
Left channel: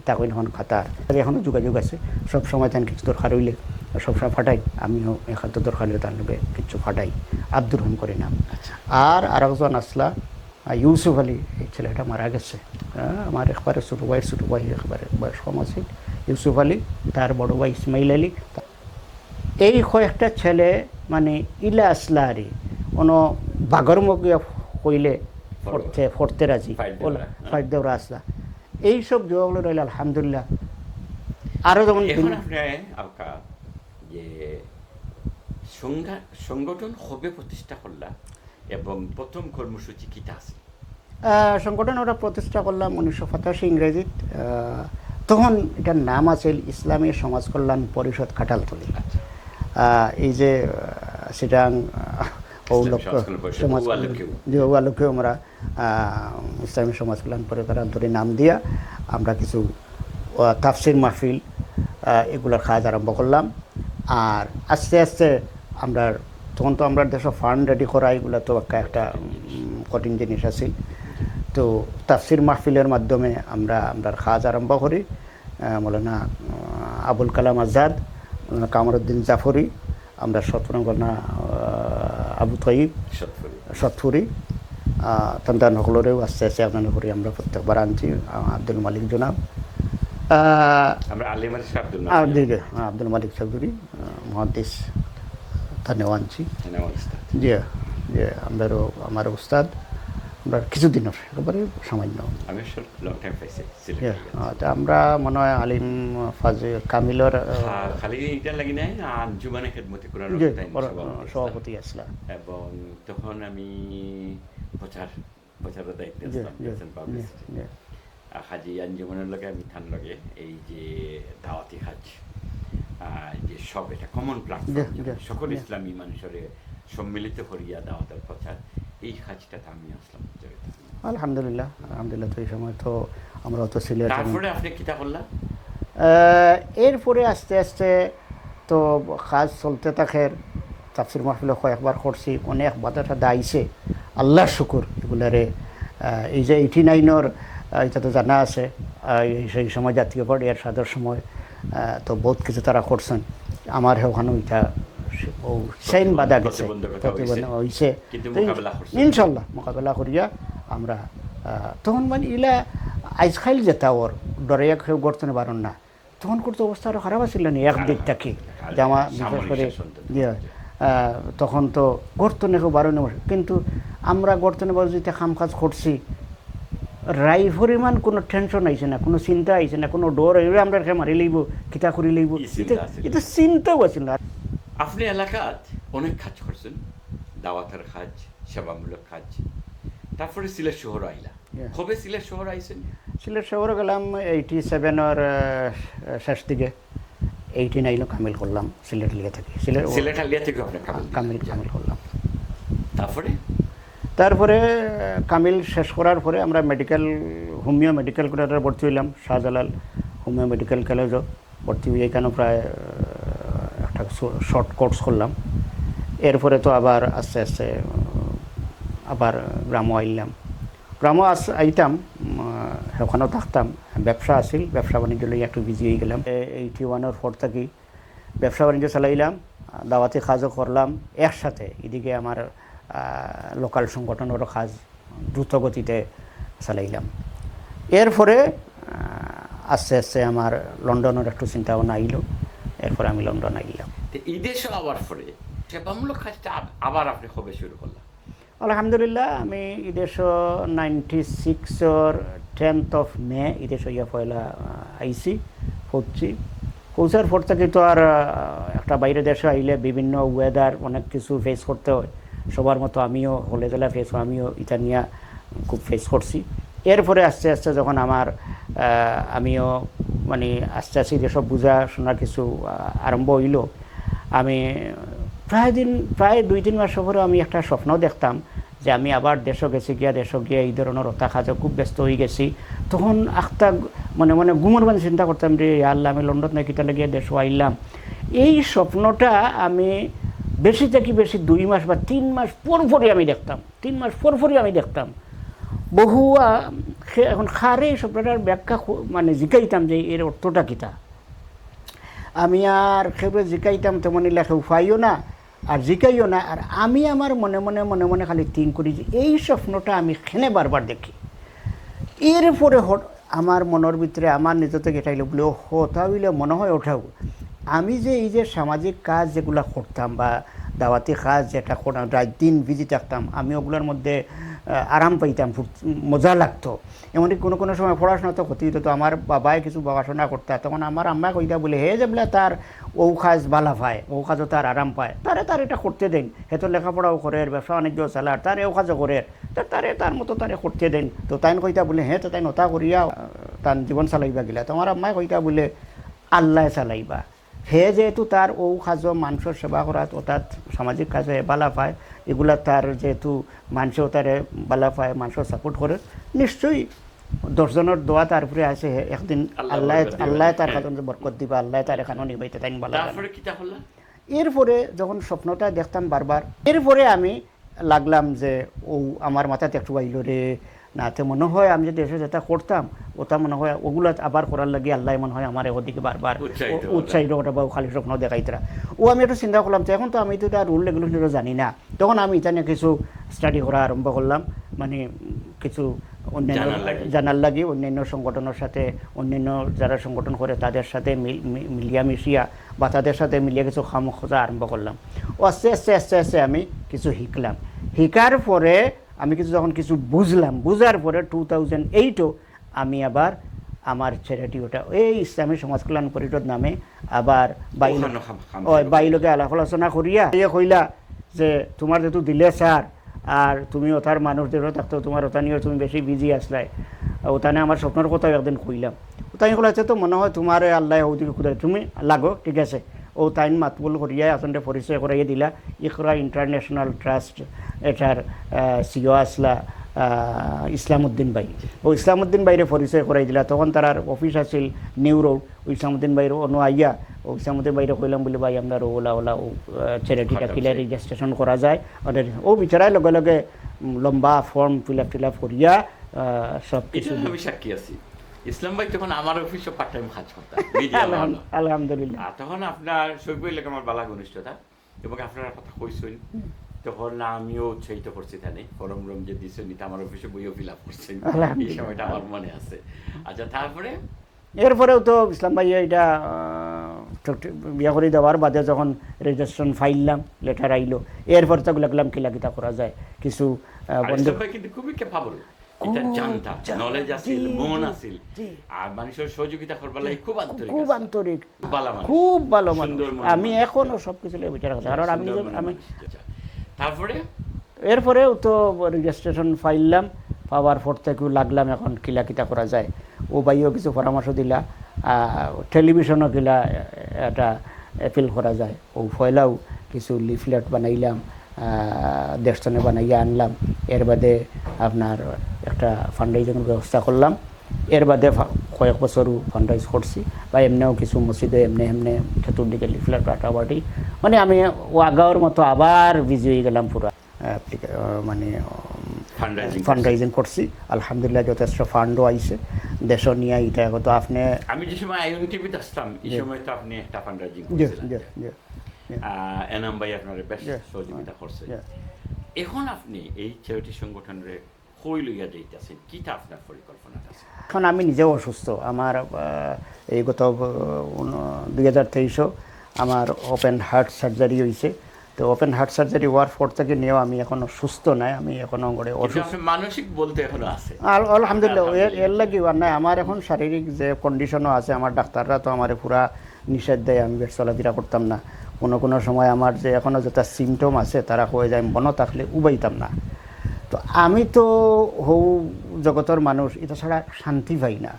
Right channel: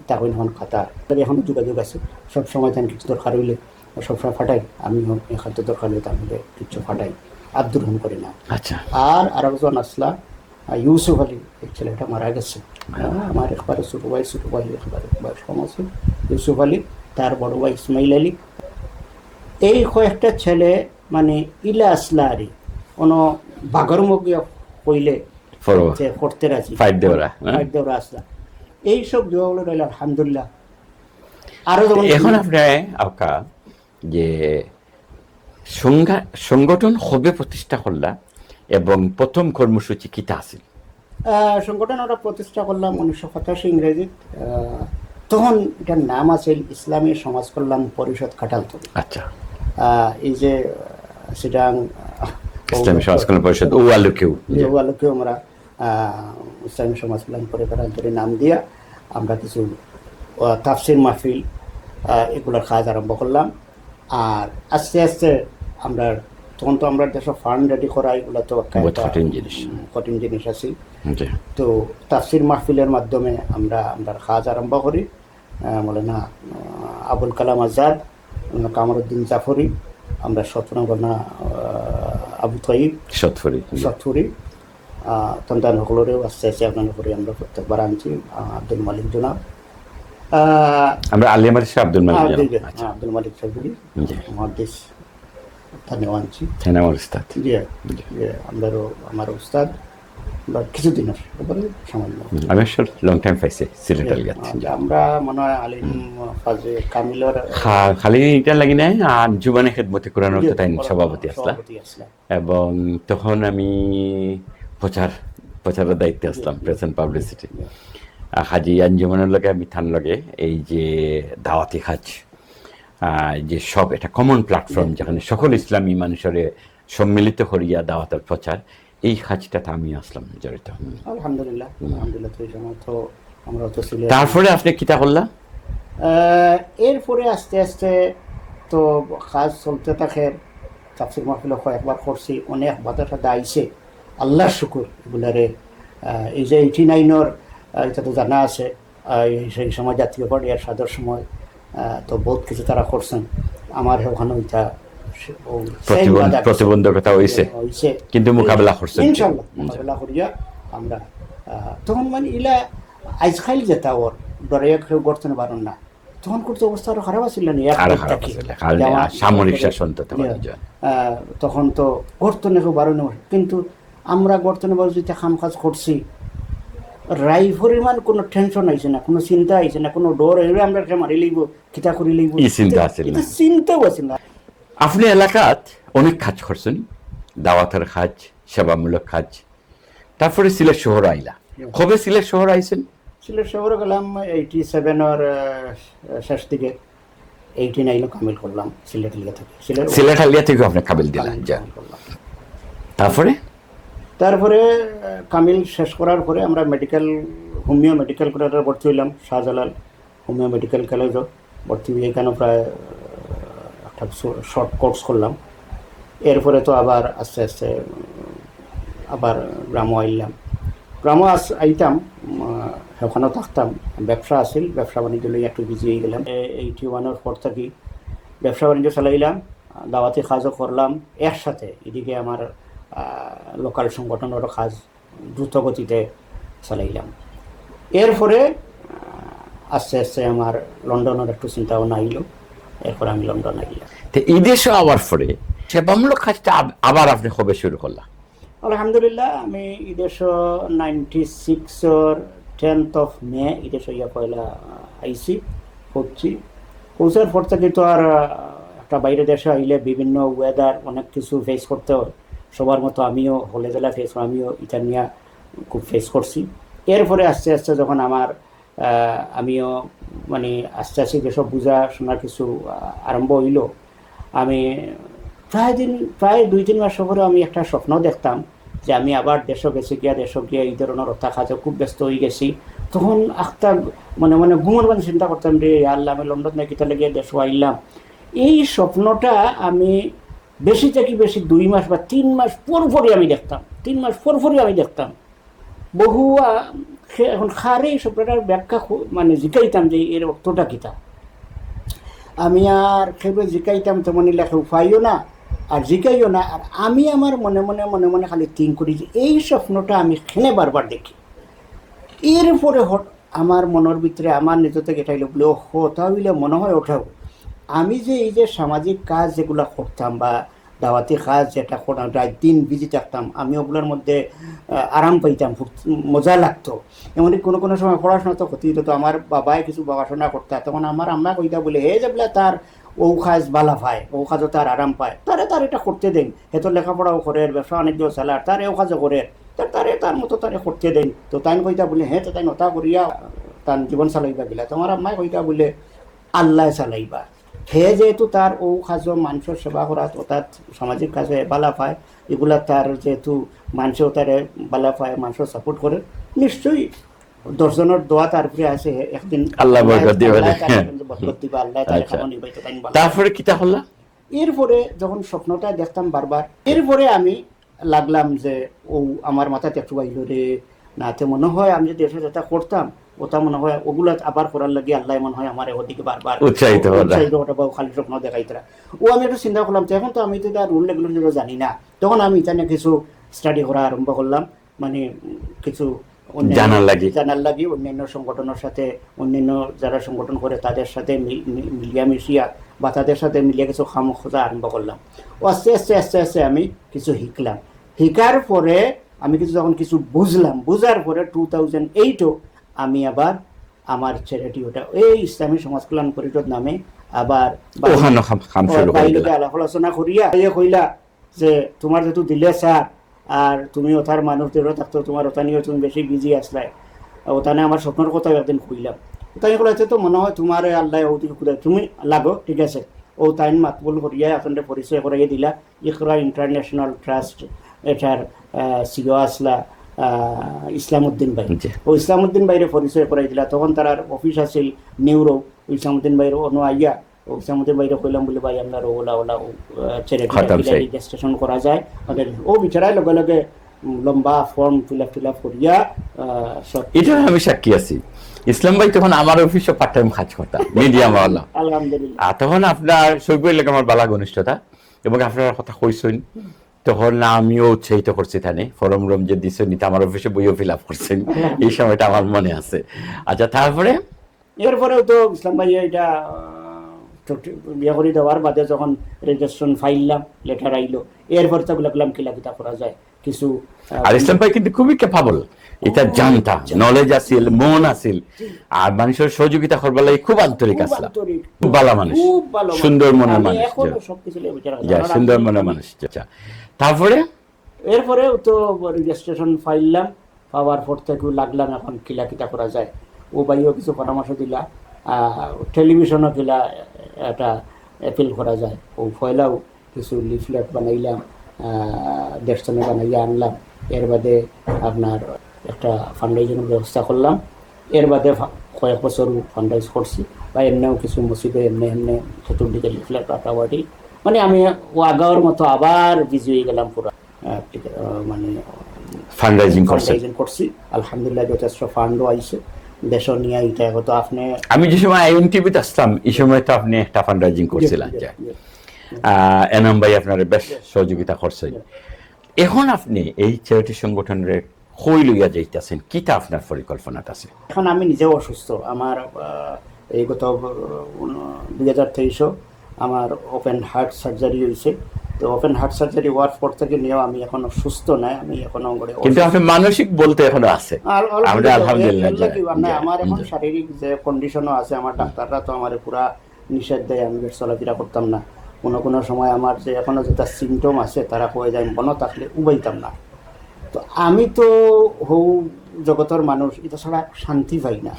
তাহলে এখন খাতার এখন যোগাযোগ আছে, সব সময় তাই কিছু দরকার হইলে সবসময় ফাটাই, আমিও খাদ্য দরকার হইলে তাহলে কিছু ফাটাই, আব্দুর রহিম করে নাম। আর আরেকজন আসলা ইউসুফ আলী, এই ছেলেটা মারা গেছে, আমার একবারে ছোট ভাই একবারে বয়স কম আছে, ইউসুফ আলী, তার বড় ভাই ইসমাইল আলী, এই কয়েকটা ছেলে মানে ইলা আসলা আরি কোনো বাঘর মুখে হইলে পড়তে রাজি, ফাইট দেওয়া আসলা এইসব বিবাহ রইল আলহামদুলিল্লাহ। আরো এখন আপনি যে সংগঠন হবে প্রতিষ্ঠা করলা এবং প্রথম কর্মসূচি কিতা আছিল? সংগঠন ওরা প্রতিষ্ঠা করলাম 1985 ইংরেজি, তখন এটার নাম আছে ইসলামী সমাজ কল্যাণ পরিষদ কাঁঠালতলী। আচ্ছা, এই যে সেটা ইসলামী সমাজ কল্যাণ পরিষদ ওয়ালুকেও আমরা ইসলামী সমাজ কল্যাণ পরিষদ নাম দিয়া আমরা কিছু তাফসির মাহফিল এগুলোর কাজ আরম্ভ করলাম। আর আস্তে আস্তে আমরা তখন তো আমরা দেশের ফান্ড রেডি করা এগুলো তো কঠিন জিনিস আছে, তো তাফসির মাহফিলের মাধ্যমে আমরা কাজ আরম্ভ করি। মৌলানা আবুল কালাম আজাদ, কামরুদ্দিন জাফরি, আমরা সতনা আবু তাইব সতফুরি তন্দা নহরেও আস্তে আস্তে আপনার নহরি আমরা প্রত্যেকবার আনছি, আব্দুল মালিক জনাব, আমরা আলিয়া মালিক আব্দুল মালিক চৌধুরী মহাদিস থানেও আনছি, আমরাও আমার উস্তাদ আমরা কিছুদিন সামান্য আমরা মনে হয় আলিম ফাজে কামিলর খালি এটা লাগি নাই আর জুবানে খেদমতে কোরআন সভাপতি আসলাম, এবং তখন আমি প্রচারের দায়িত্বে আসলাম, প্রেজেন্ট পাবলিসিটি হাজি আঞ্জুমানের লগে আমি থান লগে এই যে দাওয়াতি হাজ যে সব এটা কমন প্ল্যাটফর্ম যেখানে সকল ইসলামী মানুষের সম্মিলিত করিয়া দাওয়াতের প্রচার, এই কাজটাতে আমি আসলাম জড়িত। আলহামদুলিল্লাহ তো এই সময় তো আমরা তো ছিল। তারপরে আপনি কিতা করলা? এরপরে আস্তে আস্তে তো কাজ চলতে থাকে, তাফসির মাহফিল কয়েকবার করছি, অনেক বাধা টাধা আইছে, আল্লাহর শুকুর এগুলারে। এই যে 89-র এটা তো জানা আছে। সেই সময় জাতীয় পার্টি আর সাদের সময় তো বহুত কিছু তারা করছেন। আমার ওখানে ওইটা প্রতিবন্ধকতা হয়েছে, কিন্তু মোকাবেলা করছেন ইনশাল্লাহ। মোকাবেলা করিয়া আমরা তখন মানে ইলা আইস খাইল যেতা ওর ডরে কেউ গড়তে পারেন না, তখন করতে অবস্থা আরো খারাপ ছিল না, সামরিক শাসন তো তখন তো গর্তনে খুব বাড়ানো। কিন্তু আমরা গর্তনে বাজুতে খাম কাজ করছি, রাই পরিমাণ কোনো টেনশন আইছে না, কোনো চিন্তা আইছে না, কোনো ডর আইলে আমরা মারি লইব, কিতা করি লইব, চিন্তাও আছে না। আপনি এলাকাত অনেক কাজ করছেন, দাওয়াতের কাজ, সেবামূলক কাজ। তারপরে সিলেট শহর আইলা, কবে সিলেট শহর আইছেন? সিলেট শহরে গেলাম 87-এর শেষ দিকে, 89 কামিল করলাম সিলেট লিয়া থেকে। সিলেট আলিয়া থেকে আপনি কামিল দিলেন। তারপরে কামিল শেষ করার পরে আমরা হোমিও মেডিকেল কলেজে ভর্তি হইলাম, শাহজালাল হোমিও মেডিকেল কলেজও ভর্তি হয়ে এখানে প্রায় একটা শর্ট কোর্স করলাম। এরপরে তো আবার আস্তে আস্তে আবার গ্রামও আইলাম। গ্রামও আইতাম, ওখানেও থাকতাম, ব্যবসা আছিল, ব্যবসা বাণিজ্য নিয়ে একটু বিজি হয়ে গেলাম। 81-এর পর থেকে ব্যবসা বাণিজ্য চালাইলাম, দাওয়াতি কাজও করলাম একসাথে। এদিকে আমার লোকাল সংগঠনেরও কাজ দ্রুত গতিতে চালাইলাম। এরপরে আস্তে আস্তে আমার লন্ডনের একটু চিন্তা ভাবনা আইল, এরপরে আমি লন্ডন আইলাম। এই দেশে আবার পরে সেবামূলক কাজটা আবার আপনি কবে শুরু করলাম? আলহামদুলিল্লাহ, আমি ইদেশ 96-এর 10th of May ইদেশ ইয়া পয়লা আইসি হচ্ছি। পৌঁছার পর থেকে তো আর একটা বাইরে দেশে আইলে বিভিন্ন ওয়েদার অনেক কিছু ফেস করতে হয়, সবার মতো আমিও হলে জেলা আমিও ইতানিয়া খুব ফেস করছি। এরপরে আস্তে আস্তে যখন আমিও মানে আস্তে আস্তে যেসব বোঝা শোনার কিছু আরম্ভ হইল, আমি প্রায় 2-3 মাস পরে আমি একটা স্বপ্ন দেখতাম যে আমি আবার দেশ গিয়ে এই ধরনের রতা কাজে খুব ব্যস্ত হয়ে গেছি। তখন একটা মানে ঘুমন চিন্তা করতাম যে আল্লাহ, আমি লন্ডন থেকে গিয়ে দেশ আইলাম। এই স্বপ্নটা আমি বেশি থেকে বেশি 2 মাস বা 3 মাস পরপরই আমি দেখতাম, 3 মাস পরপরই আমি দেখতাম। বহু এখন খারে এই স্বপ্নটার ব্যাখ্যা মানে জিকাইতাম যে এর অর্থটা কিতা। আমি আর খেবে জিকাইতাম তেমন লেখা উপায়ও না আর জিকাইও না। আর আমি আমার মনে মনে খালি থিঙ্ক করি যে এই স্বপ্নটা আমি খেলে বারবার দেখি। এরপরে আমার মনের ভিতরে আমার নিজ থেকে এটাই লোকগুলো হতা হইলে মনে হয় ওঠাও, আমি যে এই যে সামাজিক কাজ যেগুলো করতাম বা দাওয়াতি কাজ যেটা করতাম, রাত দিন বিজি থাকতাম, আমি ওগুলোর মধ্যে আরাম পাইতাম, খুব মজা লাগতো। এমনকি কোনো সময় পড়াশোনা তো ক্ষতি হতো। আমার বাবাই কিছু পড়াশোনা করতে, তখন আমার আম্মা কইতা বলে হে যে বলে তার ও কাজ বালা পায়, ও কাজও তার আরাম পায়, তার এটা করতে দেন, হেতো লেখাপড়াও করে, ব্যবসা বাণিজ্য চালার, তার ও কাজও করে, তার মতো তারে করতে দেন। তো তাই কইতা বলে হে তো তাই নতা করিয়া তার জীবন চালাইবা গেলা। তোমার আম্মাই কইতা বলে আল্লাহ চালাইবা। হে যেহেতু তার ও কাজ মানুষের সেবা করা, ও তার সামাজিক কাজে বালা পায়, এগুলা তার যেহেতু মানুষও তারে বালা পায়, মানুষও সাপোর্ট করে, নিশ্চয়ই 10 জনের দোয়া তার উপরে আছে, একদিন আল্লাহ বরকত দিবে। তারপরে কিটা হল? এরপরে যখন স্বপ্নটা দেখতাম বারবার, এরপরে আমি লাগলাম যে ও আমার মাথাতে একটু বাইল রে না, তো মনে হয় আমি যদি এসে যেটা করতাম ওটা মনে হয় ওগুলো আবার করার লাগে আল্লাহ মনে হয় আমার ওদিকে বারবার উৎসাহিত খালি স্বপ্ন দেখাইতরা। ও আমি একটু চিন্তা করলাম, এখন তো আমি তো তার রুল রেগুলেশন জানি না, তখন আমি এখানে কিছু স্টাডি করা আরম্ভ করলাম, মানে কিছু জানার লাগি অন্যান্য সংগঠনের সাথে, অন্যান্য যারা সংগঠন করে তাদের সাথে মিলিয়া বা তাদের সাথে মিলিয়ে কিছু খাম খোঁজা আরম্ভ করলাম। ও আস্তে আস্তে আমি কিছু শিকার পরে আমি যখন কিছু বুঝার পরে 2008 আমি আবার আমার চ্যারিটি ওটা এই ইসলামী সমাজ কল্যাণ পরিষদ নামে আবার বাইরে আলাপ আলোচনা করিয়া কইলা যে তোমার যেহেতু দিলে স্যার আর তুমি ওটার মানুষদের থাকতো, তোমার ওটা নিয়ে তুমি বেশি বিজি আসলাই, ওখানে আমার স্বপ্নের কথা একদিন কইলাম। তাই বলেছে তো মনে হয় তোমার আল্লাহ তুমি লাগো, ঠিক আছে। ও তাই মাতবল করিয়া আপনাদের পরিচয় করাইয়া দিলা ইকরা ইন্টারন্যাশনাল ট্রাস্ট, এটার সিও আসলা ইসলামউদ্দিন ভাই। ও ইসলামউদ্দিন ভাইরে পরিচয় করাই দিলা। তখন তার অফিস আছিল নিউরো, ইসলামউদ্দিন ভাইয়ের অনু আইয়া ইসলামউদ্দিন ভাইরে কইলাম বলে ভাই আমরা ওলা চ্যারিটি রেজিস্ট্রেশন করা যায় আমাদের। ও বিচারায় লগে লগে লম্বা ফর্ম ফিল আপ করিয়া সব এটা আমি সাক্ষী আছি। ইসলাম ভাই তখন আমার অফিসে পার্ট টাইম কাজ করতাম মিডিয়াম ওয়ালা। আলহামদুলিল্লাহ। আর তখন আপনার সৈকত লাগে আমার বালা ঘনিষ্ঠতা এবং আপনার কথা কইছেন, তখন আমিও উৎসাহিত করছি থানে ফরম রম যে দিছেন নিতে আমার অফিসে বইও ফিল আপ করছেন, এই সময়টা আমার মনে আছে। আচ্ছা, তারপরে এরপরেও তো ইসলাম ভাই এটা বিয়া করে দেওয়ার বাদে যখন রেজিস্ট্রেশন ফাইললাম, লেটার আইলো, এরপরে তো লাগলাম কিলাকিতা করা যায় কিছু। আর ইসলাম ভাই কিন্তু খুবই ক্যাপাবল, এটা জানতা, নলেজ আছিল, মন আছিল, আর মানুষের সহযোগিতা করবার লাগে খুব আন্তরিক আসলা, খুব ভালো মানুষ, খুব ভালো সুন্দর মনের আমি মানুষ, এখনো সবকিছু নিয়ে বিচার আছে। যা আর সুন্দর আমি- মনের মানুষ। আচ্ছা, তারপরে এরপরেও তো রেজিস্ট্রেশন ফাইললাম, পাওয়ার পর থেকে লাগলাম এখন কিলাকিতা করা যায়। ও ভাইও কিছু পরামর্শ দিলা, টেলিভিশনও কিলা একটা অ্যাপিল করা যায়। ও ফয়লাও কিছু লিফলেট বানাইলাম, দেড়শনে বানাইয়া আনলাম। এর বাদে আপনার একটা ফান্ডরাইজিংয়ের ব্যবস্থা করলাম। এর বাদে কয়েক বছরও ফান্ডরাইজ করছি, বা এমনিও কিছু মসজিদে এমনি চতুর্দিকে লিফলেট কাটাবাটি, মানে আমি ও আগাওয়ার মতো আবার বিজি হয়ে গেলাম পুরো। মানে ফান্ডরাইজিং করছেন। ফান্ডরাইজিং করছি, আলহামদুলিল্লাহ যথেষ্ট ফান্ডও আইছে দেশ নিয়ে। এটা তো আপনি আমি যে সময় আইএন টিভিতে আসতাম এই সময় তো আপনি একটা ফান্ডরাইজিং করছিলেন, এনাম ভাই আপনার বেশ সহযোগিতা করছে। এখন আপনি এই চ্যারিটি সংগঠনের কই লইয়া যাইতেছেন, কিটা আপনার পরিকল্পনাটা আছে? এখন আমি নিজেও অসুস্থ। আমার এই গত 2023 আমার ওপেন হার্ট সার্জারি হয়েছে। তো ওপেন হার্ট সার্জারি হওয়ার পর থেকে নিয়েও আমি এখনো সুস্থ নাই, আমি এখনো কিন্তু আপনি মানসিক বলতে এখনো আছে। আমার এখন শারীরিক যে কন্ডিশনও আছে, আমার ডাক্তাররা তো আমার পুরা নিষেধ দেয়, আমি বেশ চলাফেরা করতাম না। কোনো সময় আমার যে এখনো যেটা সিমটম আছে তারা হয়ে যায় মনে থাকলে উবাইতাম না। তো আমি তো হৌ জগতের মানুষ, এটা ছাড়া শান্তি পাই না।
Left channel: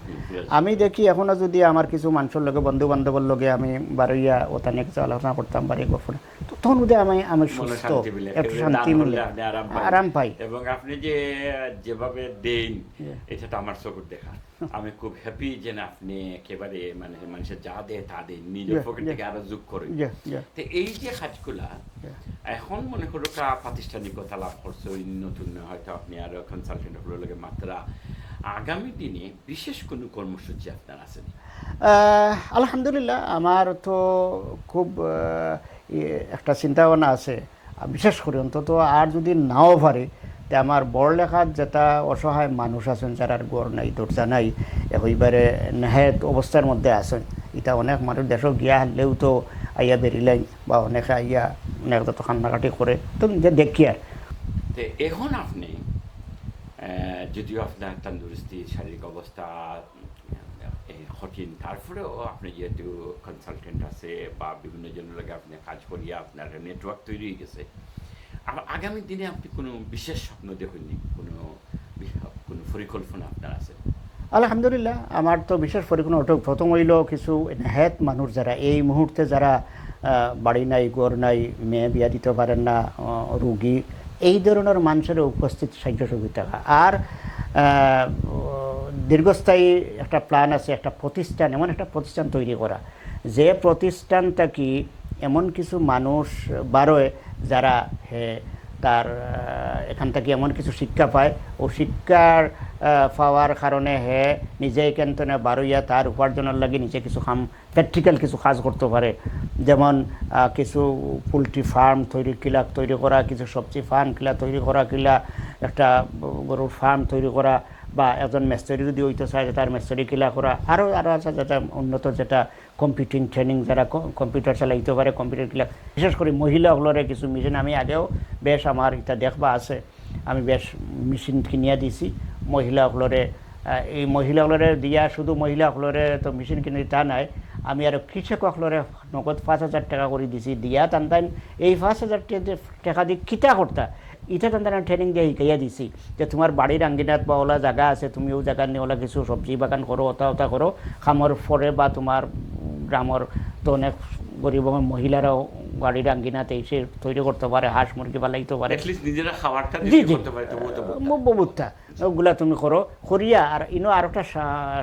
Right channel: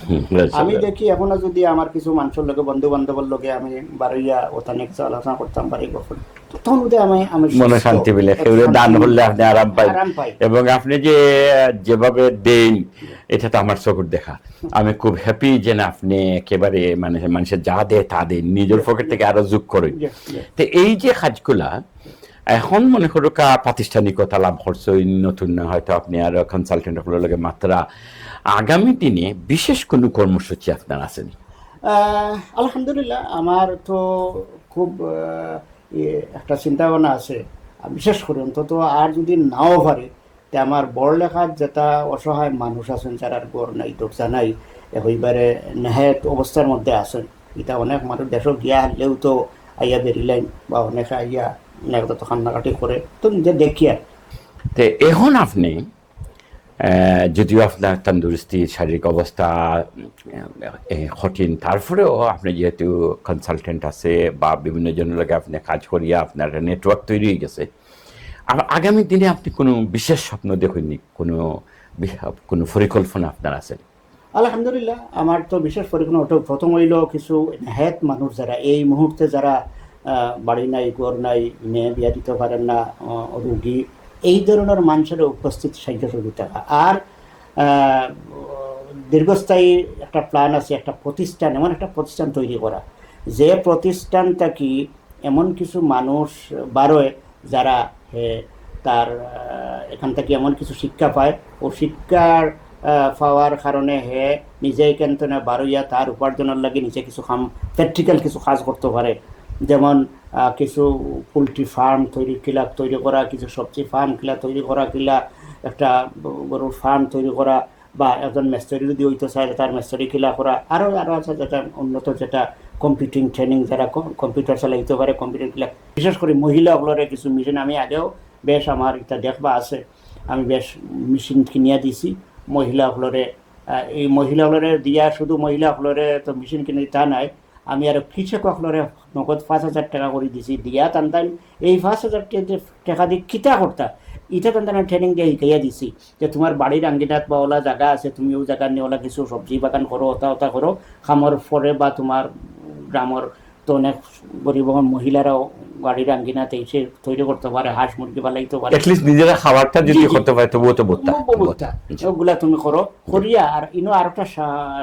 আমি দেখি এখনো যদি আমার কিছু মানুষের লগে, বন্ধু বান্ধবের লগে আমি বারইয়া ওখানে আলোচনা করতাম বাড়ি গফল, তখন ওদের আমি মনে শান্তি পেলে দান হলে আপনি আরাম পাই। এবং আপনি যে যেভাবে দেন এটা তো আমার চোখের দেখা। আমি খুব হ্যাপি যে না আপনি একেবারে মানে মানুষের যা দেয় তা দেন, নিজের পকেট থেকে আরো যোগ করেন। তো এই যে কাজগুলা এখন মনে করো প্রাতিষ্ঠানিকতা লাভ করছে, নতুন হয়তো আপনি আরো কনসালটেন্ট আপনার লগে মাত্রা, আগামী দিনে বিশেষ কোনো কর্মসূচি আপনার আছেন? আলহামদুলিল্লাহ আমার তো খুব একটা চিন্তা ভাবনা আছে, বিশেষ করে অন্তত আর যদি নাও পারে আমার বড় লেখার যেটা অসহায় মানুষ আছেন যারা গড় নাই দরজা নাই, এবারে নেহায়ত অবস্থার মধ্যে আছেন। এটা অনেক মানুষ দেশ গিয়া হলেও তো আইয়া বেরিলেন, বা অনেকে আইয়া তো কান্নাকাটি করে, তো দেখিয়া। তো এখন আপনি যদিও আপনার তন্দুরস্তি শারীরিক অবস্থা কঠিন, তারপরেও আপনি যেহেতু কনসালটেন্ট আছে বা বিভিন্ন জনের লগে আপনি কাজ করিয়া আপনার নেটওয়ার্ক তৈরি হয়ে গেছে, আগামী দিনে আপনি কোনো বিশেষ স্বপ্ন দেখেননি, কোনো পরিকল্পনা আপনার আছে? আলহামদুলিল্লাহ আমার তো বিশেষ পরিকল্পনা প্রথম হইল কিছু নেহায়ত মানুষ যারা এই মুহূর্তে যারা বাড়ি নাই, ঘর নাই, মেয়ে বিয়া দিতে পারেন না, রুগী, এই ধরনের মানুষের উপস্থিত সাহায্য সুবিধা। আর দীর্ঘস্থায়ী একটা প্ল্যান আছে, একটা প্রতিষ্ঠান, এমন একটা প্রতিষ্ঠান তৈরি করা, যে প্রতিষ্ঠানটা কি এমন কিছু মানুষ বারোয় যারা তার এখান থেকে এমন কিছু শিক্ষা পায়, ও শিক্ষার পাওয়ার কারণে নিজেই কিন্তু না বারোইয়া তার উপার্জনের লাগে নিজে কিছু প্র্যাকটিক্যাল কিছু কাজ করতে পারে। যেমন কিছু পোলট্রি ফার্ম তৈরি করা, কিছু সবজি ফার্ম তৈরি করা, একটা গরুর ফার্ম তৈরি করা, বা একজন মেস্টারি যদি হইতে চায় তার মেস্টারি করা, আরও আছে যেটা উন্নত, যেটা কম্পিউটিং ট্রেনিং, যারা কম্পিউটার চালাইতে পারে কম্পিউটার বিশেষ করে মহিলাগুলোরে কিছু মেশিন, আমি আগেও বেশ আমার এটা দেখবা আছে, আমি বেশ মেশিন কিনিয়া দিছি মহিলাগুলোরে। এই মহিলাগুলোরে দিয়া শুধু মহিলাগুলোরে তো মেশিন কিনে তা নাই, আমি আরো কৃষকগুলোরে নগদ 5,000 টাকা করে দিছি, দিয়া টানতাম এই 5,000 টাকা দিয়ে কিতা করতা, এটা টানতাম ট্রেনিং দিয়ে শিখাইয়া দিছি যে তোমার বাড়ির আঙ্গিনাত বা ওলা জায়গা আছে, তুমি ওই জায়গা নিয়ে ওলা কিছু সবজি বাগান করো, ওটা করো, খামার পরে, বা তোমার গ্রামের তো অনেক গরিব মহিলারাও বাড়ির আঙ্গিনাতে এসে তৈরি করতে পারে, হাঁস মুরগি বানাইতে পারে, নিজেরা খাবারটা যদি করতে পারে তবুও তো সবগুলা তুমি করো করিয়া। আর ইনো আর একটা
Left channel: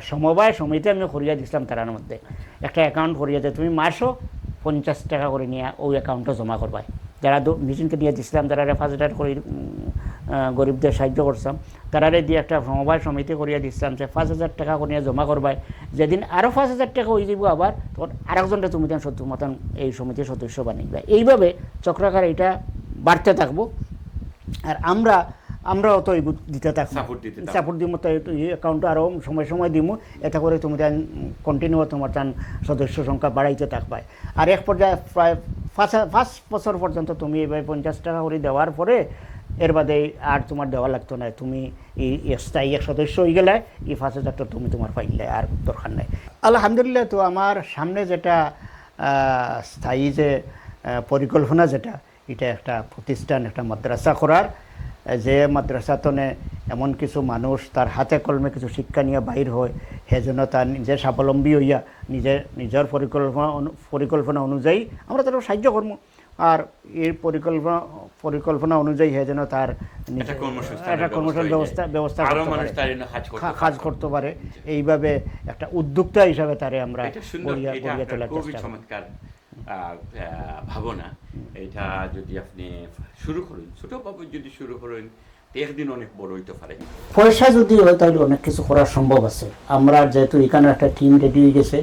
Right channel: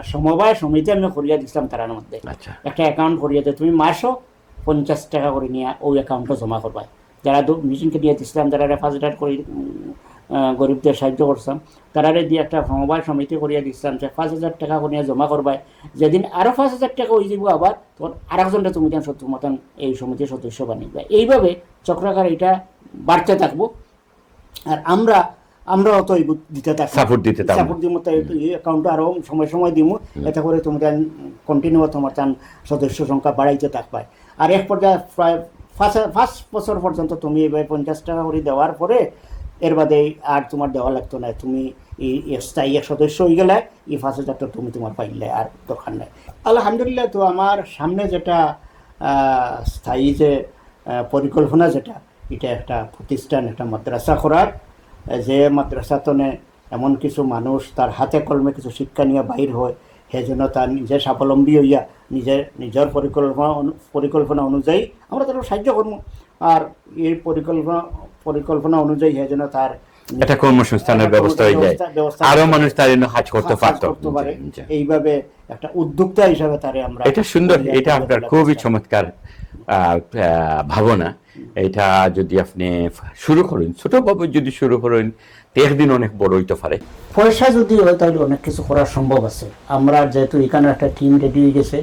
সমবায় সমিতি আমি করিয়া দিছিলাম তার মধ্যে, একটা অ্যাকাউন্ট করিয়া দিয়ে তুমি মাসও 50 টাকা করে নিয়ে ওই অ্যাকাউন্টে জমা করবা। যারা তো মেশিনকে দিয়ে দিছিলাম, যারা 5,000 করে গরিবদের সাহায্য করতাম, তারারে দিয়ে একটা সমবায় সমিতি করিয়া দিচ্ছিলাম যে 5,000 টাকা করিয়া জমা করবাই, যেদিন আরো 5,000 টাকা হয়ে যাব আবার আরেকজনের তুমি মতন এই সমিতির সদস্য বানিয়ে। এইভাবে চক্রাকার এটা বাড়তে থাকবো। আর আমরা অত দিতে থাকবো, সাপোর্ট দিব, অ্যাকাউন্টে আরো সময় দিব, এটা করে তুমি কন্টিনিউ তোমার সদস্য সংখ্যা বাড়াইতে থাকবে। আর এক পর্যায়ে প্রায় 5 বছর পর্যন্ত তুমি এবার 50 টাকা করে দেওয়ার পরে এর বাদে আর তোমার দেওয়া লাগতো না, তুমি এই স্থায়ী সদস্য হয়ে গেলে এই 5,000 টাকা তুমি তোমার পাইলে আর দরকার নেই। আলহামদুলিল্লাহ। তো আমার সামনে যেটা স্থায়ী যে পরিকল্পনা, যেটা এটা একটা প্রতিষ্ঠান, একটা মাদ্রাসা করার, যে মাদ্রাসাতনে এমন কিছু মানুষ তার হাতে কলমে কিছু শিক্ষা নিয়ে বাহির হয়, সেই জন্য তার নিজে স্বাবলম্বী হইয়া নিজের পরিকল্পনা অনুযায়ী আমরা তার সাহায্য করবো। আর এই পরিকল্পনা অনুযায়ী সেই জন্য তার একটা কর্মসংস্থানের ব্যবস্থা হয়ে যায়, আরো মানুষ তার জন্য কাজ করতে পারে। এইভাবে একটা উদ্যোক্তা হিসাবে তারে আমরা, এটা সুন্দর, এটা আপনার খুবই চমৎকার ভাবনা। এটা যদি আপনি শুরু করেন, ছোটভাবে যদি শুরু করেন, একদিন অনেক বড় হইতে পারে। পয়সা যদি হয় তাহলে অনেক কিছু করা সম্ভব আছে। আমরা যেহেতু এখানে একটা টিম রেডি হয়ে গেছে,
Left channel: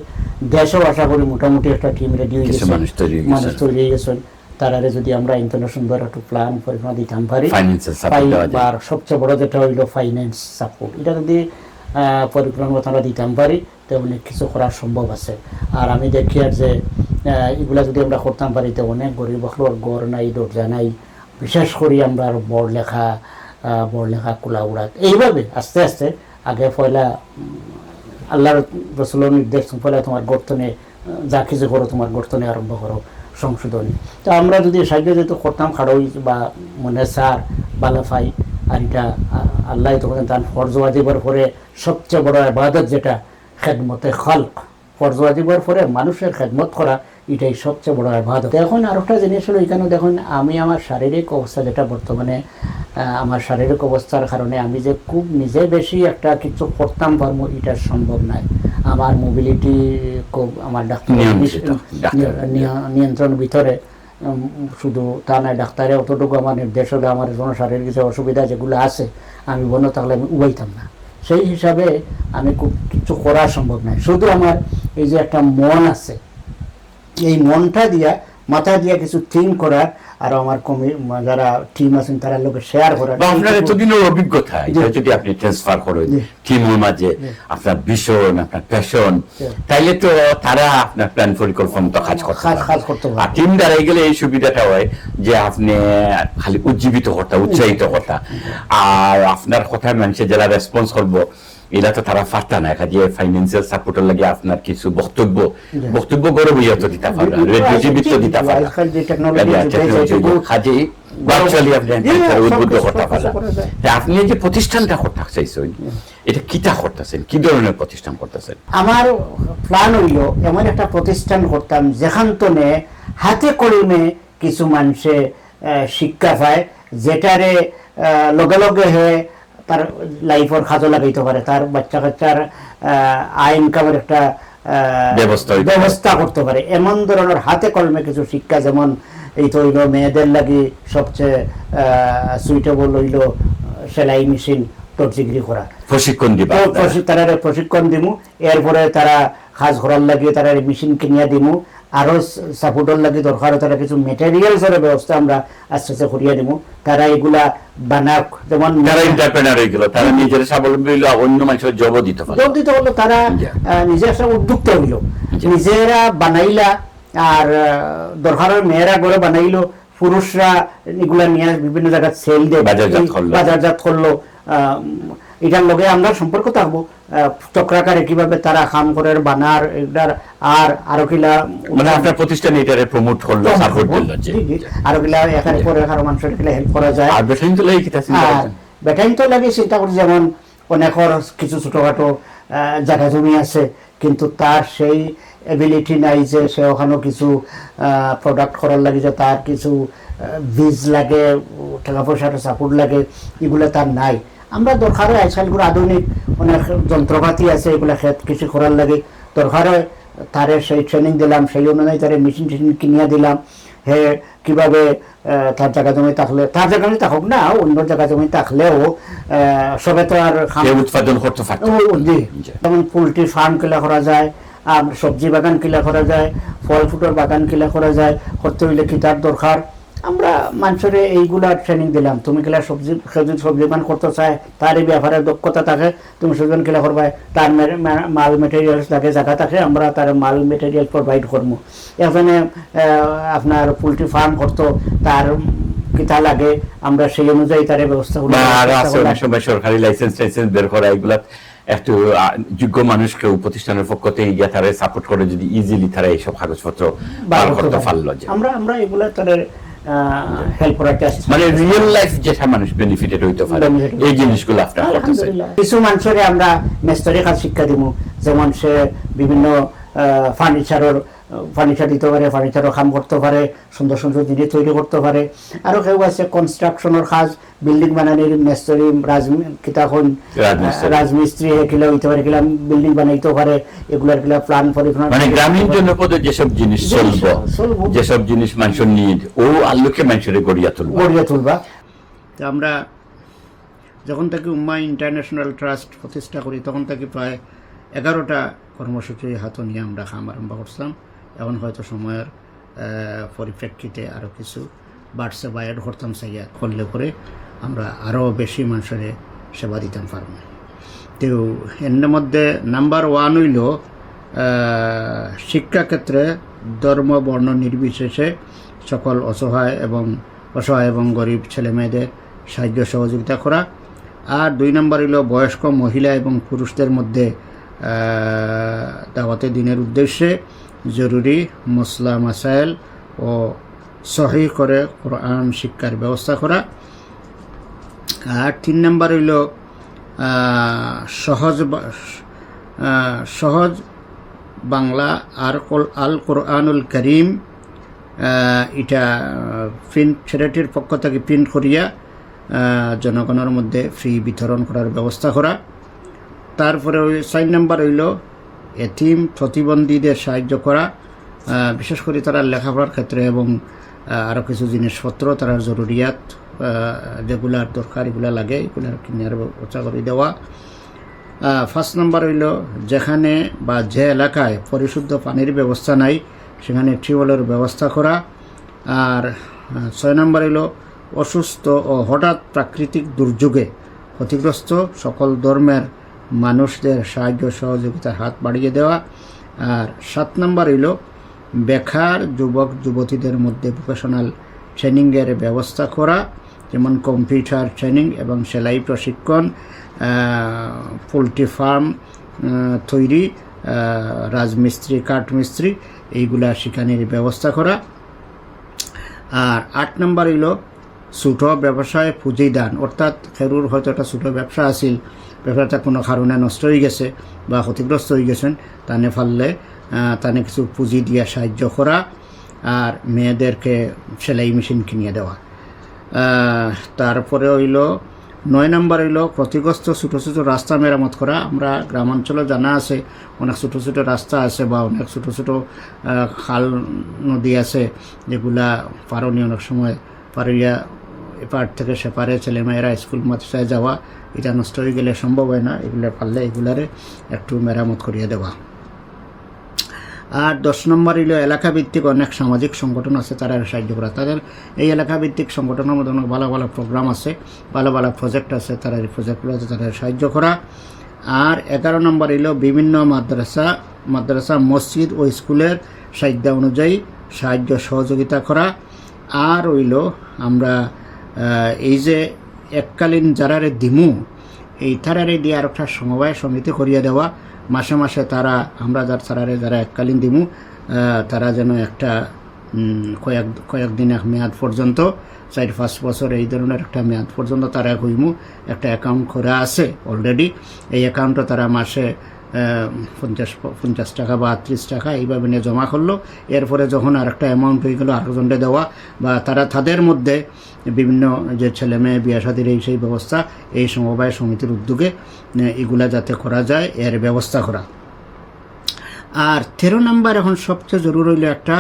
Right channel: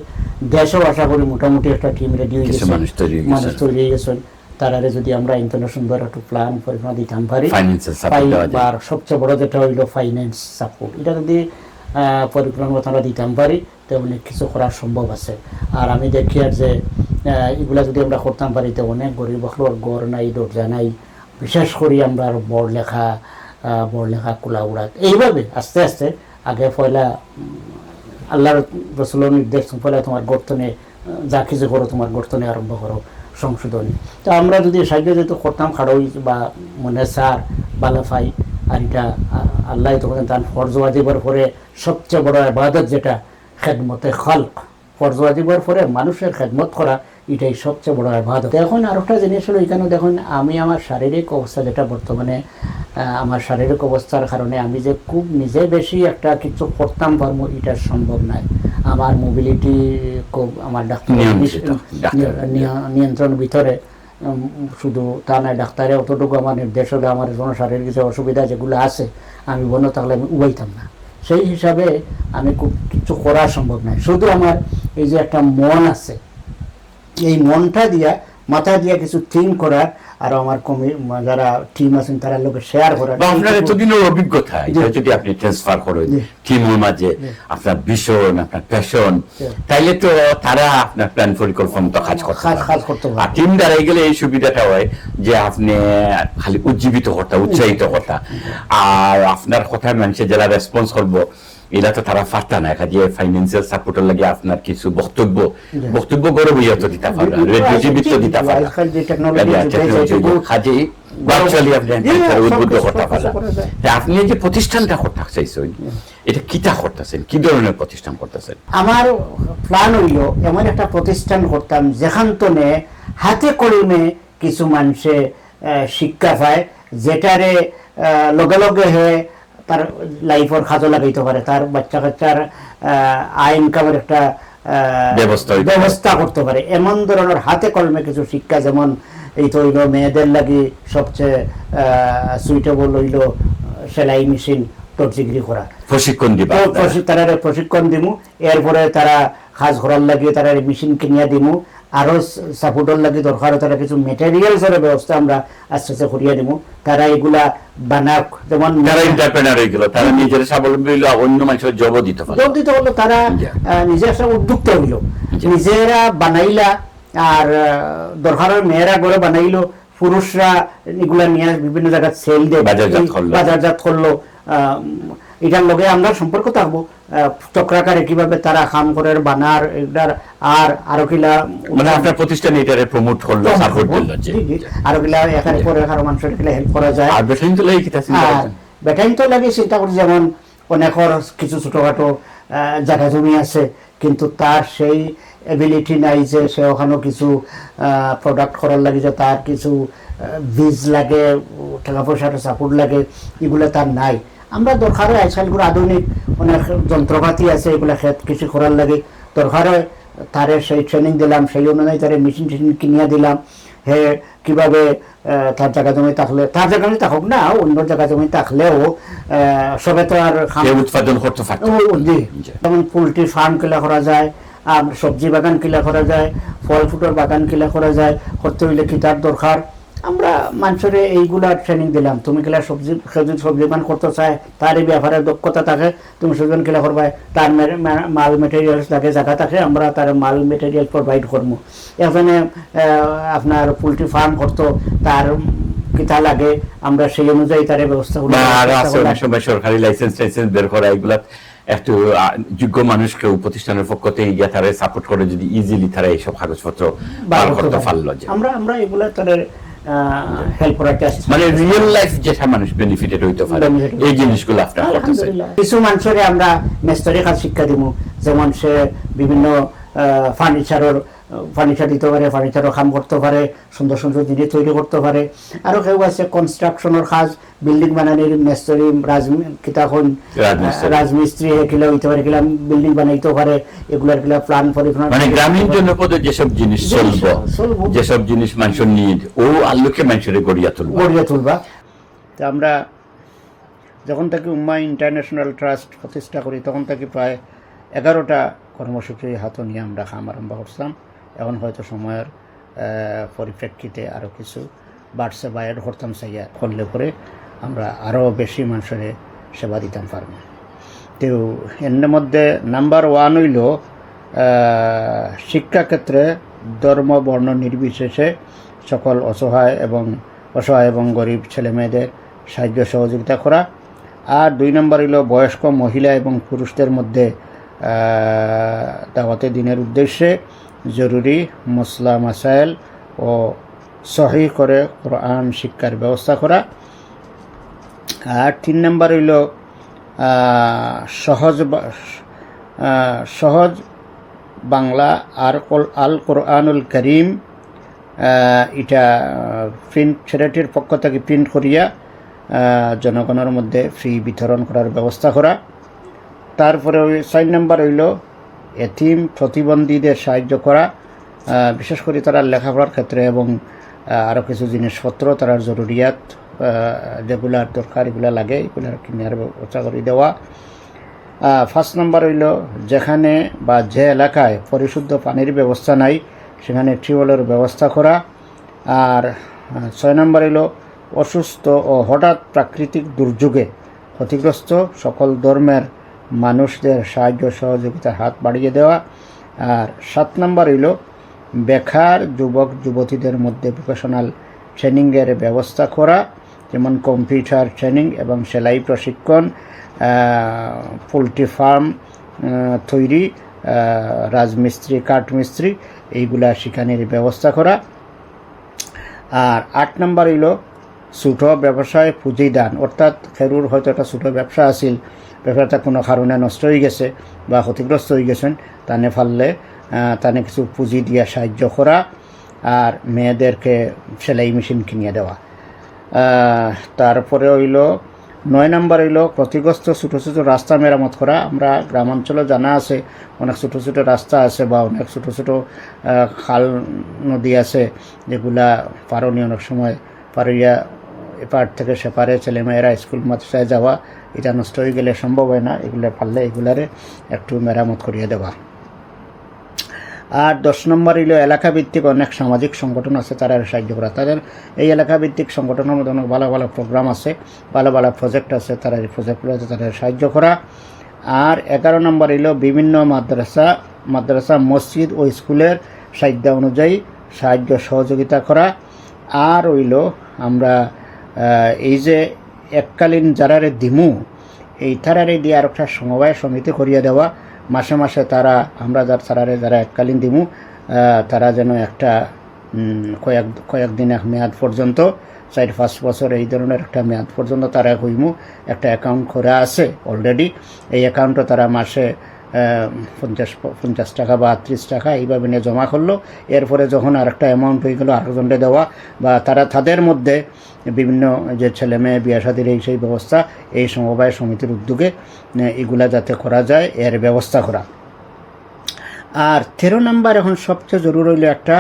দেশও আশা করি মোটামুটি একটা টিম রেডি হয়ে গেছে, মানুষ তৈরি হয়ে গেছেন। তারারে যদি আমরা ইন্টারন্যাশনাল একটা প্ল্যান পরিকল্পনা দিতাম পারি, আর সবচেয়ে বড় যেটা হইল ফাইন্যান্স সাপোর্ট, এটা যদি পরিকল্পনা আমরা দিতাম পারি তো অনেক কিছু করা সম্ভব আছে। আর আমি দেখি আর যে এগুলা যদি আমরা করতাম পারি তো অনেক গরিব ঘর নাই, দরজা নাই, বিশেষ করে আমরা বড় লেখা কুলা উড়া, এইভাবে আস্তে আস্তে আগে পয়লা আল্লাহর রসুলের নির্দেশ, পয়লা তোমার গর্তনে যা কিছু করো তোমার গর্তনে আরম্ভ করো সংশোধনী। তো আমরা যদি সাহায্য যেহেতু করতাম খাড়ই বা মনে সার বালাফাই, আর এটা আল্লাহ তখন তার ফরজ ওয়াজিবের পরে সবচেয়ে বড় ইবাদত যেটা খেদমতে খালক, ফরজ ওয়াজিবের পরে মানুষের খেদমত করা, এটাই সবচেয়ে বড় ইবাদত। এখন আরেকটা জিনিস হলো, এখানে দেখুন আমি আমার শারীরিক অবস্থা যেটা বর্তমানে, আমার শারীরিক অবস্থার কারণে আমি যে খুব নিজে বেশি একটা কিছু করতাম পারবো এটা সম্ভব নয়। আমার মোবিলিটি খুব, আমার ডাক্তার নিয়ন্ত্রণ ভিতরে, শুধু তা নয়, ডাক্তারে অতটুকু আমার নির্দেশ হলে আমার কোনো শারীরিক যে অসুবিধা যেগুলো আছে আমি বন্য থাকলে আমি উবাইতাম না। সেই হিসাবে আমি খুব কিছু করা সম্ভব নয়। শুধু আমার এই যে একটা মন আছে, এই মনটা দিয়া মাথা দিয়া কিছু থিঙ্ক করার, আর আমার যারা টিম আছেন তারা লোকে শেয়ার করার, আপনার এতদিনের অভিজ্ঞতা যদি আপনি ট্রান্সফার করেন টিমের মাঝে, আপনার ভীষণ আপনার প্যাশন, তাইলে তো তারা আপনার প্ল্যান পরিকল্পনা তো কাজ করতে পারে। আর টিম দ্বারা গেলে এই সুবিধাটা হয় যে আপনি খালি উজ্জীবিত করতে, উৎসাহিত করতে, আর আপনার কথায় মানুষের যারা রেসপন্স করবো এটা তো তারা পারতা না। কাজে ফাইন্যান্সিয়াল সাপোর্টের লাগে আপনার কিছু বক্তব্য করে বইয়া তো দিতে পারবেন, রেডিও জীবিত দিতে পারবেন, কাজে ভার্চুয়ালি আপনি উদ্বুদ্ধ করতে পারবেন। আপনি যে প্রতিষ্ঠানটা করতে চাইছেন, এটা কিটা করতেছেন, কি ধরনের প্রতিষ্ঠান করতেছেন? আমার প্ল্যান হইল এমন একটা প্রতিষ্ঠান করতাম যেখান তনে হাতে কলমে কিছু মানুষে শিক্ষা পায়, যেটারে লগে লগে হয়ে তার লাইফের খাজো লাগাইতে পারে, তার বাচ্চা কাচ্চার আয় ইনকামের একটা ব্যবস্থা করতে পারে। এমন ধরনের হাতে কলমে কিছু শিক্ষা, যেমন এই তো হইল মেয়েদের লাগি সবচেয়ে সুইটেবল হইল সেলাই মেশিন টর্চিগিরি করা, প্রশিক্ষণ দিব, তারা প্রশিক্ষণ দিমু। এরপরে তারা কাজ করার লাগিয়ে তারা মেশিন কিনিয়া দিমু, আরো সাপোর্টের লাগে দরকার তারা কিছু মেটেরিয়ালসের ব্যবস্থা আমরা আস্তে আস্তে করিয়া দিব। তারা এগুলা বানাক, যেমন তারা এন্টারপ্রেনার হয়ে গেল, তারা নিজের স্বাবলম্বী হইল, অন্য মানুষের জব দিতে পারলো, তারা নিজের একটা উদ্যোক্তা হইল, নিজেরা বানাইলা। আর দরকারের মেয়েরা করে বানাইলো, পুরুষরা এগুলা নিয়ে বিভিন্ন জায়গায় সেল দিয়ে বাজারজাত করলো। এটার লগে আমরা সম্পর্ক থাকবো, চক্রাকারে কিভাবে তারা কাম করে বানার এটার, আর আরো কিলা মানে আপনার প্রতিষ্ঠান এটারে প্রমোট করলো, সাপোর্ট দিল, আরো কিলা এখানে পরে আরো মানুষের কিলা হেল্প করা যায়। আর বেটাইন তো লাগে কিটা চিন্তা করছেন? বেটাইন তো লাগে চিন্তা করি, যেমন অনেকের কিছু ছোটখাটো জায়গা জমি আছে, কিন্তু তার সেই এবিলিটি নাই যে সে ওখানেও কিছু প্রোডাক্ট করার লাগে, যে তার কিছু বীজ লাগে, টাকা পয়সার সাপোর্ট লাগে, এগুলো তার নাই। আমরা দরকার হয় আজকালগুলো আধুনিক অনেক যন্ত্রপাতি আছে, এগুলো ক্ষেত কৃষি করার লাগে, দরকার হয় তারে সেই ট্রেনিং দিলাম, সেই অনুযায়ী তারে মেশিন কিনিয়া দিলাম, হে কিভাবে তার জায়গা জমি থাকলে তার জায়গা জমি থাকুক না অন্য জায়গা জমি থাকলেও সবে তো আর উৎপাদন করতে পারত। যেমন পোলট্রি ফার্ম কিলা করা যায়, আর সবজি বাগান কিলা করা যায়, ফল ফুটের বাগান কিলা করা যায়, করতে হইলে কি তার দরকার। আমরা মানুষের এইগুলা ট্রেনিং দিলাম, তুমি কিলা সবজি বাগান করতে চায়, তার এই ব্যাপারে দক্ষতা থাকে, তুমি সবজি কিলা করবা, তার মাল মেটেরিয়ালস থাকে, জায়গা থাকে, আমরা তার মাল মেটেরিয়াল প্রোভাইড করবো। এখানে আপনার পোলট্রি ফার্ম করতো, তার কিতা লাগে আমরা সেই অনুযায়ী তার ব্যবস্থা সময় সরকারি লাইসেন্স বের করা, এগুলা একটু যোগ্য মানুষকে প্রতিষ্ঠানের পক্ষ থেকে গিয়ে তারা সাপোর্ট করে যদি ইজিলি তারা এইসব কাগজপত্র বার করতে পারলো। আমরা এগুলা তাদের হেল্প করাতে আসছি, মানে রিয়েল লাইফ যেটা মানুষ বেনিফিটেড হইতে পারে এই জিনিসগুলো আপনারা করতেছেন। কিছু মানুষের আমরা মেস্তরি কাজ শিক্ষা দিব, যেমন সে বিভিন্ন ফার্নিচার দিতে পারে, ফার্নিচারও কাম করতে পারে, সুন্দর সুন্দর জিনিস তৈরি করতে পারে। আরো কেউ আছে কনস্ট্রাকশনের কাজ, বিল্ডিং বানানোর মেস্তরি, রাজমিস্ত্রি কিলা হইতে পারে, কিলা বিল্ডিং বানাইতে পারে, এগুলার কিলা প্ল্যান পরিকল্পনা, মানে গ্রামীণ জনপদে যেসব জিনিস চলবো, যেসব জিনিস মানুষের নিড ও আল্লুকে মানুষের গড়িয়া তুলবা। আমরা যখন থেকে উম্মা ইন্টারন্যাশনাল ট্রাস্ট প্রতিষ্ঠা করি তখন থেকে প্রায় 11টা কর্মসূচি হাতে নিয়ে আমরা কাম আরম্ভ করছিলাম। এখন হয়তো সময়ের পরিপ্রেক্ষিতে আরও কিছু বাড়ছে বা অ্যাড করতাম চাইয়া করলে পরে আমরা আরও বেশি মানুষের সেবা দিতাম পারব। তো এর মধ্যে নাম্বার 1 হইল শিক্ষাক্ষেত্রে ধর্ম বর্ণ নির্বিশেষে সকল অসহায় এবং গরিব ছেলে মেয়েদের সাহায্য সহযোগিতা করা। আর 2 নম্বর হইল বয়স্ক মহিলা এবং পুরুষদের মধ্যে দাওয়াতে দিনের উদ্দেশ্যে জরুরি মসলা মাসাইল ও সহি করে কোরআন শিক্ষার ব্যবস্থা করা। আর 3 নম্বর হইল সহজ বাংলা আল কোরআনুল করিম, এটা প্রিন্ট চ্যারিটির পক্ষ থেকে প্রিন্ট করিয়া জনগণের মধ্যে ফ্রি বিতরণ করার ব্যবস্থা করা। তারপরে 4 নম্বর হইল এতিম প্রতিবন্ধীদের সাহায্য করা, বিশেষ করে তারা লেখাপড়ার ক্ষেত্রে এবং আরও কিছু জিনিসপত্র তারা জরুরিয়াত যেগুলার দরকার এগুলা লাগে এগুলার কিনার ব্যবস্থা করে দেওয়া। 5 নম্বর হইল যেখানে বা যে এলাকায় পরিশুদ্ধ পানির ব্যবস্থা নাই সেখানে টিউবওয়েলের ব্যবস্থা করা। আর 6 নম্বর হইল অসুস্থ ও হঠাৎ প্রাকৃতিক দুর্যোগে ক্ষতিগ্রস্ত সকল ধর্মের মানুষদের সাহায্য সহযোগিতার হাত বাড়িয়ে দেওয়া। আর 7 নম্বর হইল বেকার যুবক যুবতীদের মধ্যে ভোকেশনাল ট্রেনিংয়ের ব্যবস্থা করা, যেমন কম্পিউটার ট্রেনিং এবং সেলাই প্রশিক্ষণ, পোলট্রি ফার্ম তৈরি, রাজমিস্ত্রি কাঠমিস্ত্রি এইগুলা শিখানোর ব্যবস্থা করা। আর 8 নম্বর হইল ছোট ব্যবসায় পুঁজি দান, অর্থাৎ খেরুর হয়তো একটা ছোট ব্যবসা আছিল, ব্যবসাটা কোনো কারণে নষ্ট হয়ে গেছে বা ক্ষতিগ্রস্ত হয়ে গেছেন, তানে ফাললে তানে কিছু পুঁজি দিয়ে সাহায্য করা। আর মেয়েদেরকে সেলাই মেশিন কিনিয়ে দেওয়া। তারপরে হইল 9 নম্বর হইল ক্ষতিগ্রস্ত ছোটো ছোটো রাস্তা মেরামত করা। আমরা গ্রামাঞ্চলে জানা আছে অনেক ছোটো ছোটো রাস্তা আছে বা অনেক ছোটো ছোটো খাল নদী আছে যেগুলা পারনি অনেক সময় পারিয়া এপার থেকে সেপারে ছেলেমেয়েরা স্কুল মাদ্রাসায় যাওয়া এটা নষ্ট হয়ে গেলে সম্ভব হয় না, এগুলো পারলে এগুলারে একটু মেরামত করিয়ে দেওয়া। আর 10 নম্বর হইল এলাকা ভিত্তিক অনেক সামাজিক সংগঠন আছে তারা সাহায্য করা। তাদের এই এলাকা ভিত্তিক সংগঠনের মধ্যে অনেক ভালো ভালো প্রোগ্রাম আছে, ভালো ভালো প্রজেক্ট আছে, তারা এই প্রজেক্টগুলোতে তাদের সাহায্য করা। আর 11 নম্বর হইল বিভিন্ন মাদ্রাসা মসজিদ ও স্কুলের সাহায্য অনুযায়ী সাহায্য সহযোগিতা করা। আর হইল আমরা এই যে এককালীন যারারে দিমু এই তারারে দিয়ে আর একটা সমবায় সমিতি করিয়ে দেওয়া, মাসে মাসে তারা আমরা যারা এককালীন দিমু তারা যেন একটা কয়েকদিন এক মেয়াদ পর্যন্ত 4-5 বছর এই ধরনের একটা মেয়াদ পর্যন্ত তারা হইমু একটা অ্যাকাউন্ট করা আছে অলরেডি। এই অ্যাকাউন্টে তারা মাসে 50 টাকা বা 30 টাকা এইভাবে নিয়ে জমা করলো। এরপরে যখন আর একটা অ্যামাউন্ট হয়ে গেলো আরেকজনকে দেওয়া বা তারা তাদের মধ্যে বিভিন্ন যে ছেলে মেয়ে বিয়া শাদির এই সেই ব্যবস্থা এই সমবায় সমিতির উদ্যোগে এগুলা যাতে করা যায় এর ব্যবস্থা করা। আর 13 নম্বর এখন সবচেয়ে জরুরি হইল একটা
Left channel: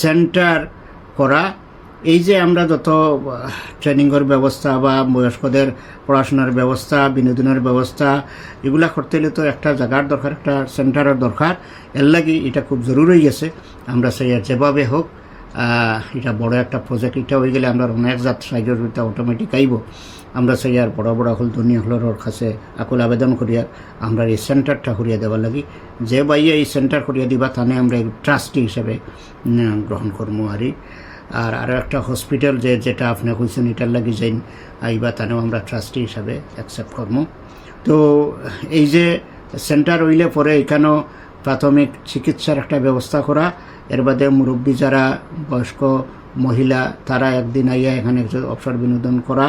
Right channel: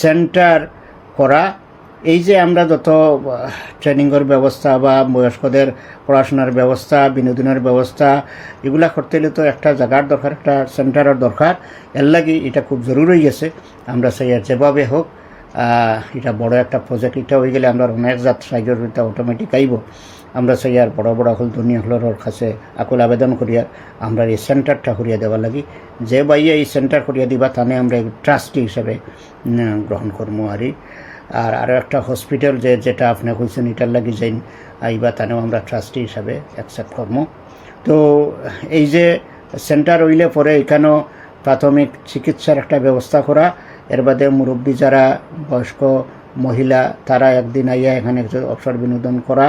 সেন্টার করা। এই যে আমরা যত ট্রেনিংয়ের ব্যবস্থা বা বয়স্কদের পড়াশোনার ব্যবস্থা, বিনোদনের ব্যবস্থা, এগুলা করতে হলে তো একটা জায়গার দরকার, একটা সেন্টারের দরকার। এর লাগি এটা খুব জরুরি গেছে। আমরা সেই যেভাবে হোক এটা বড় একটা প্রজেক্ট, এটা হয়ে গেলে আমরা অনেক জাত সাইজের এটা অটোমেটিক আইব। আমরা সেই আর বড় বড় হল দুনিয়া হলর কাছে আকুল আবেদন করিয়া আমরা এই সেন্টারটা করিয়া দেওয়ার লাগি। যে বাইয়ে এই সেন্টার করিয়া দিবা তানে আমরা ট্রাস্টি হিসেবে গ্রহণ করবো। আর আরও একটা হসপিটাল যেটা আপনি কইছেন এটার লাগি যাইন আইবা তানেও আমরা ট্রাস্টি হিসাবে অ্যাকসেপ্ট করবো। তো এই যে সেন্টার হইলে পরে এখানেও প্রাথমিক চিকিৎসার একটা ব্যবস্থা করা, এর বাদে মুরব্বী যারা বয়স্ক মহিলা তারা একদিন আইয়া এখানে অবসর বিনোদন করা,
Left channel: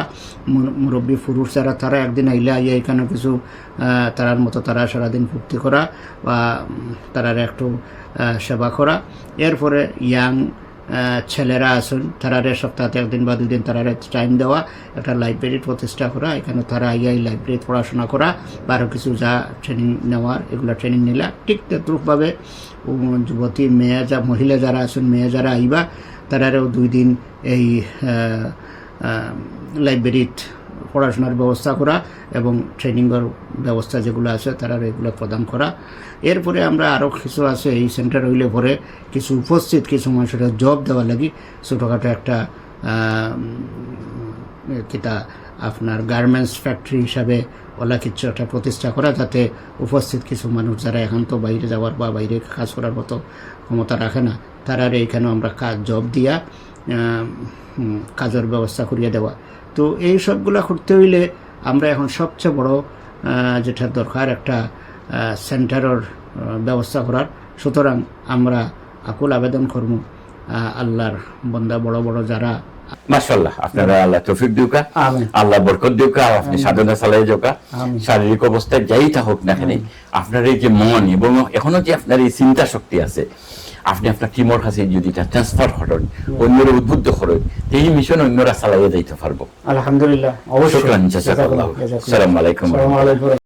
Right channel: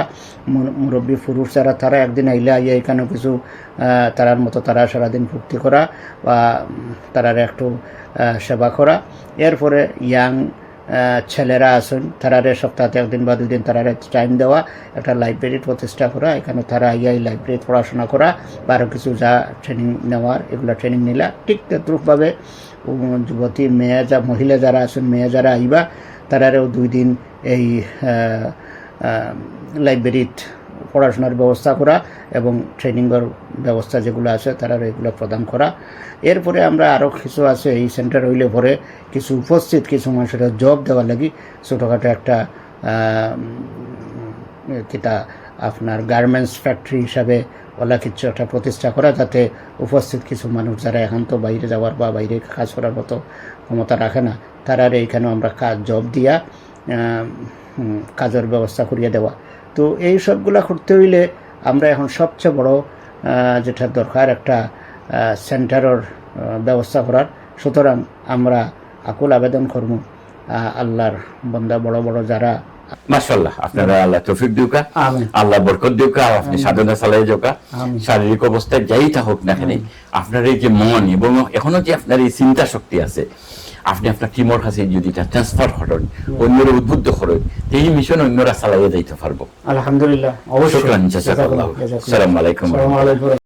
মুরব্বী পুরুষ যারা তারা একদিন আইলে আইয়া এখানে কিছু তারার মতো তারা সারাদিন ফুর্তি করা বা তারার একটু সেবা করা। এরপরে ইয়াং ছেলেরা আছেন তারারে সপ্তাহে একদিন বা 2 দিন তারারে টাইম দেওয়া, একটা লাইব্রেরি প্রতিষ্ঠা করা, এখানে তারা আইয়া এই লাইব্রেরি পড়াশোনা করা বা আরও কিছু যা ট্রেনিং নেওয়ার এগুলা ট্রেনিং নিলা। ঠিক তদ্রুপভাবে যুবতী মেয়ে মহিলা যারা আছেন, মেয়ে যারা আইবা তারারেও 2 দিন এই লাইব্রেরিত পড়াশোনার ব্যবস্থা করা এবং ট্রেনিংয়ের ব্যবস্থা যেগুলো আছে তারা এগুলো প্রদান করা। এরপরে আমরা আরও কিছু আছে এই সেন্টার হইলে পরে কিছু উপস্থিত কিছু মানুষের জব দেওয়ার লাগি ছোটোখাটো একটা কিতা আপনার গার্মেন্টস ফ্যাক্টরি হিসাবে ওলা কিছু একটা প্রতিষ্ঠা করা, যাতে উপস্থিত কিছু মানুষ যারা এখন তো বাইরে যাওয়ার বা বাইরে কাজ করার মতো ক্ষমতা রাখে না তারা এইখানেও আমরা জব দিয়া কাজের ব্যবস্থা করিয়ে দেওয়া। তো এই সবগুলা করতে হইলে আমরা এখন সবচেয়ে বড় যেটা দরকার একটা সেন্টারের ব্যবস্থা করার। সুতরাং আমরা আকুল আবেদন করব আল্লাহর বন্দা বড় বড় যারা মাশাআল্লাহ, আপনারা আল্লাহ তৌফিক দিউকা, আল্লাহ বরকত দিউকা, আপনি সাধনা চালাই যাওকা। শারীরিক অবস্থায় যাই থাকুক না কেন আপনার এই যে মন এবং এখনো যে আপনার এই চিন্তা শক্তি আছে, আপনি আপনার টিমর কাছে যদি এটা ট্রান্সফার করেন, অন্যরা উদ্বুদ্ধ করেন, এই মিশন অন্যরা চালাইয়া যাইতে পারবো। আলহামদুলিল্লাহ, অবশ্যই। শুকরান, জাযাকাল্লাহ। আসসালামু আলাইকুম।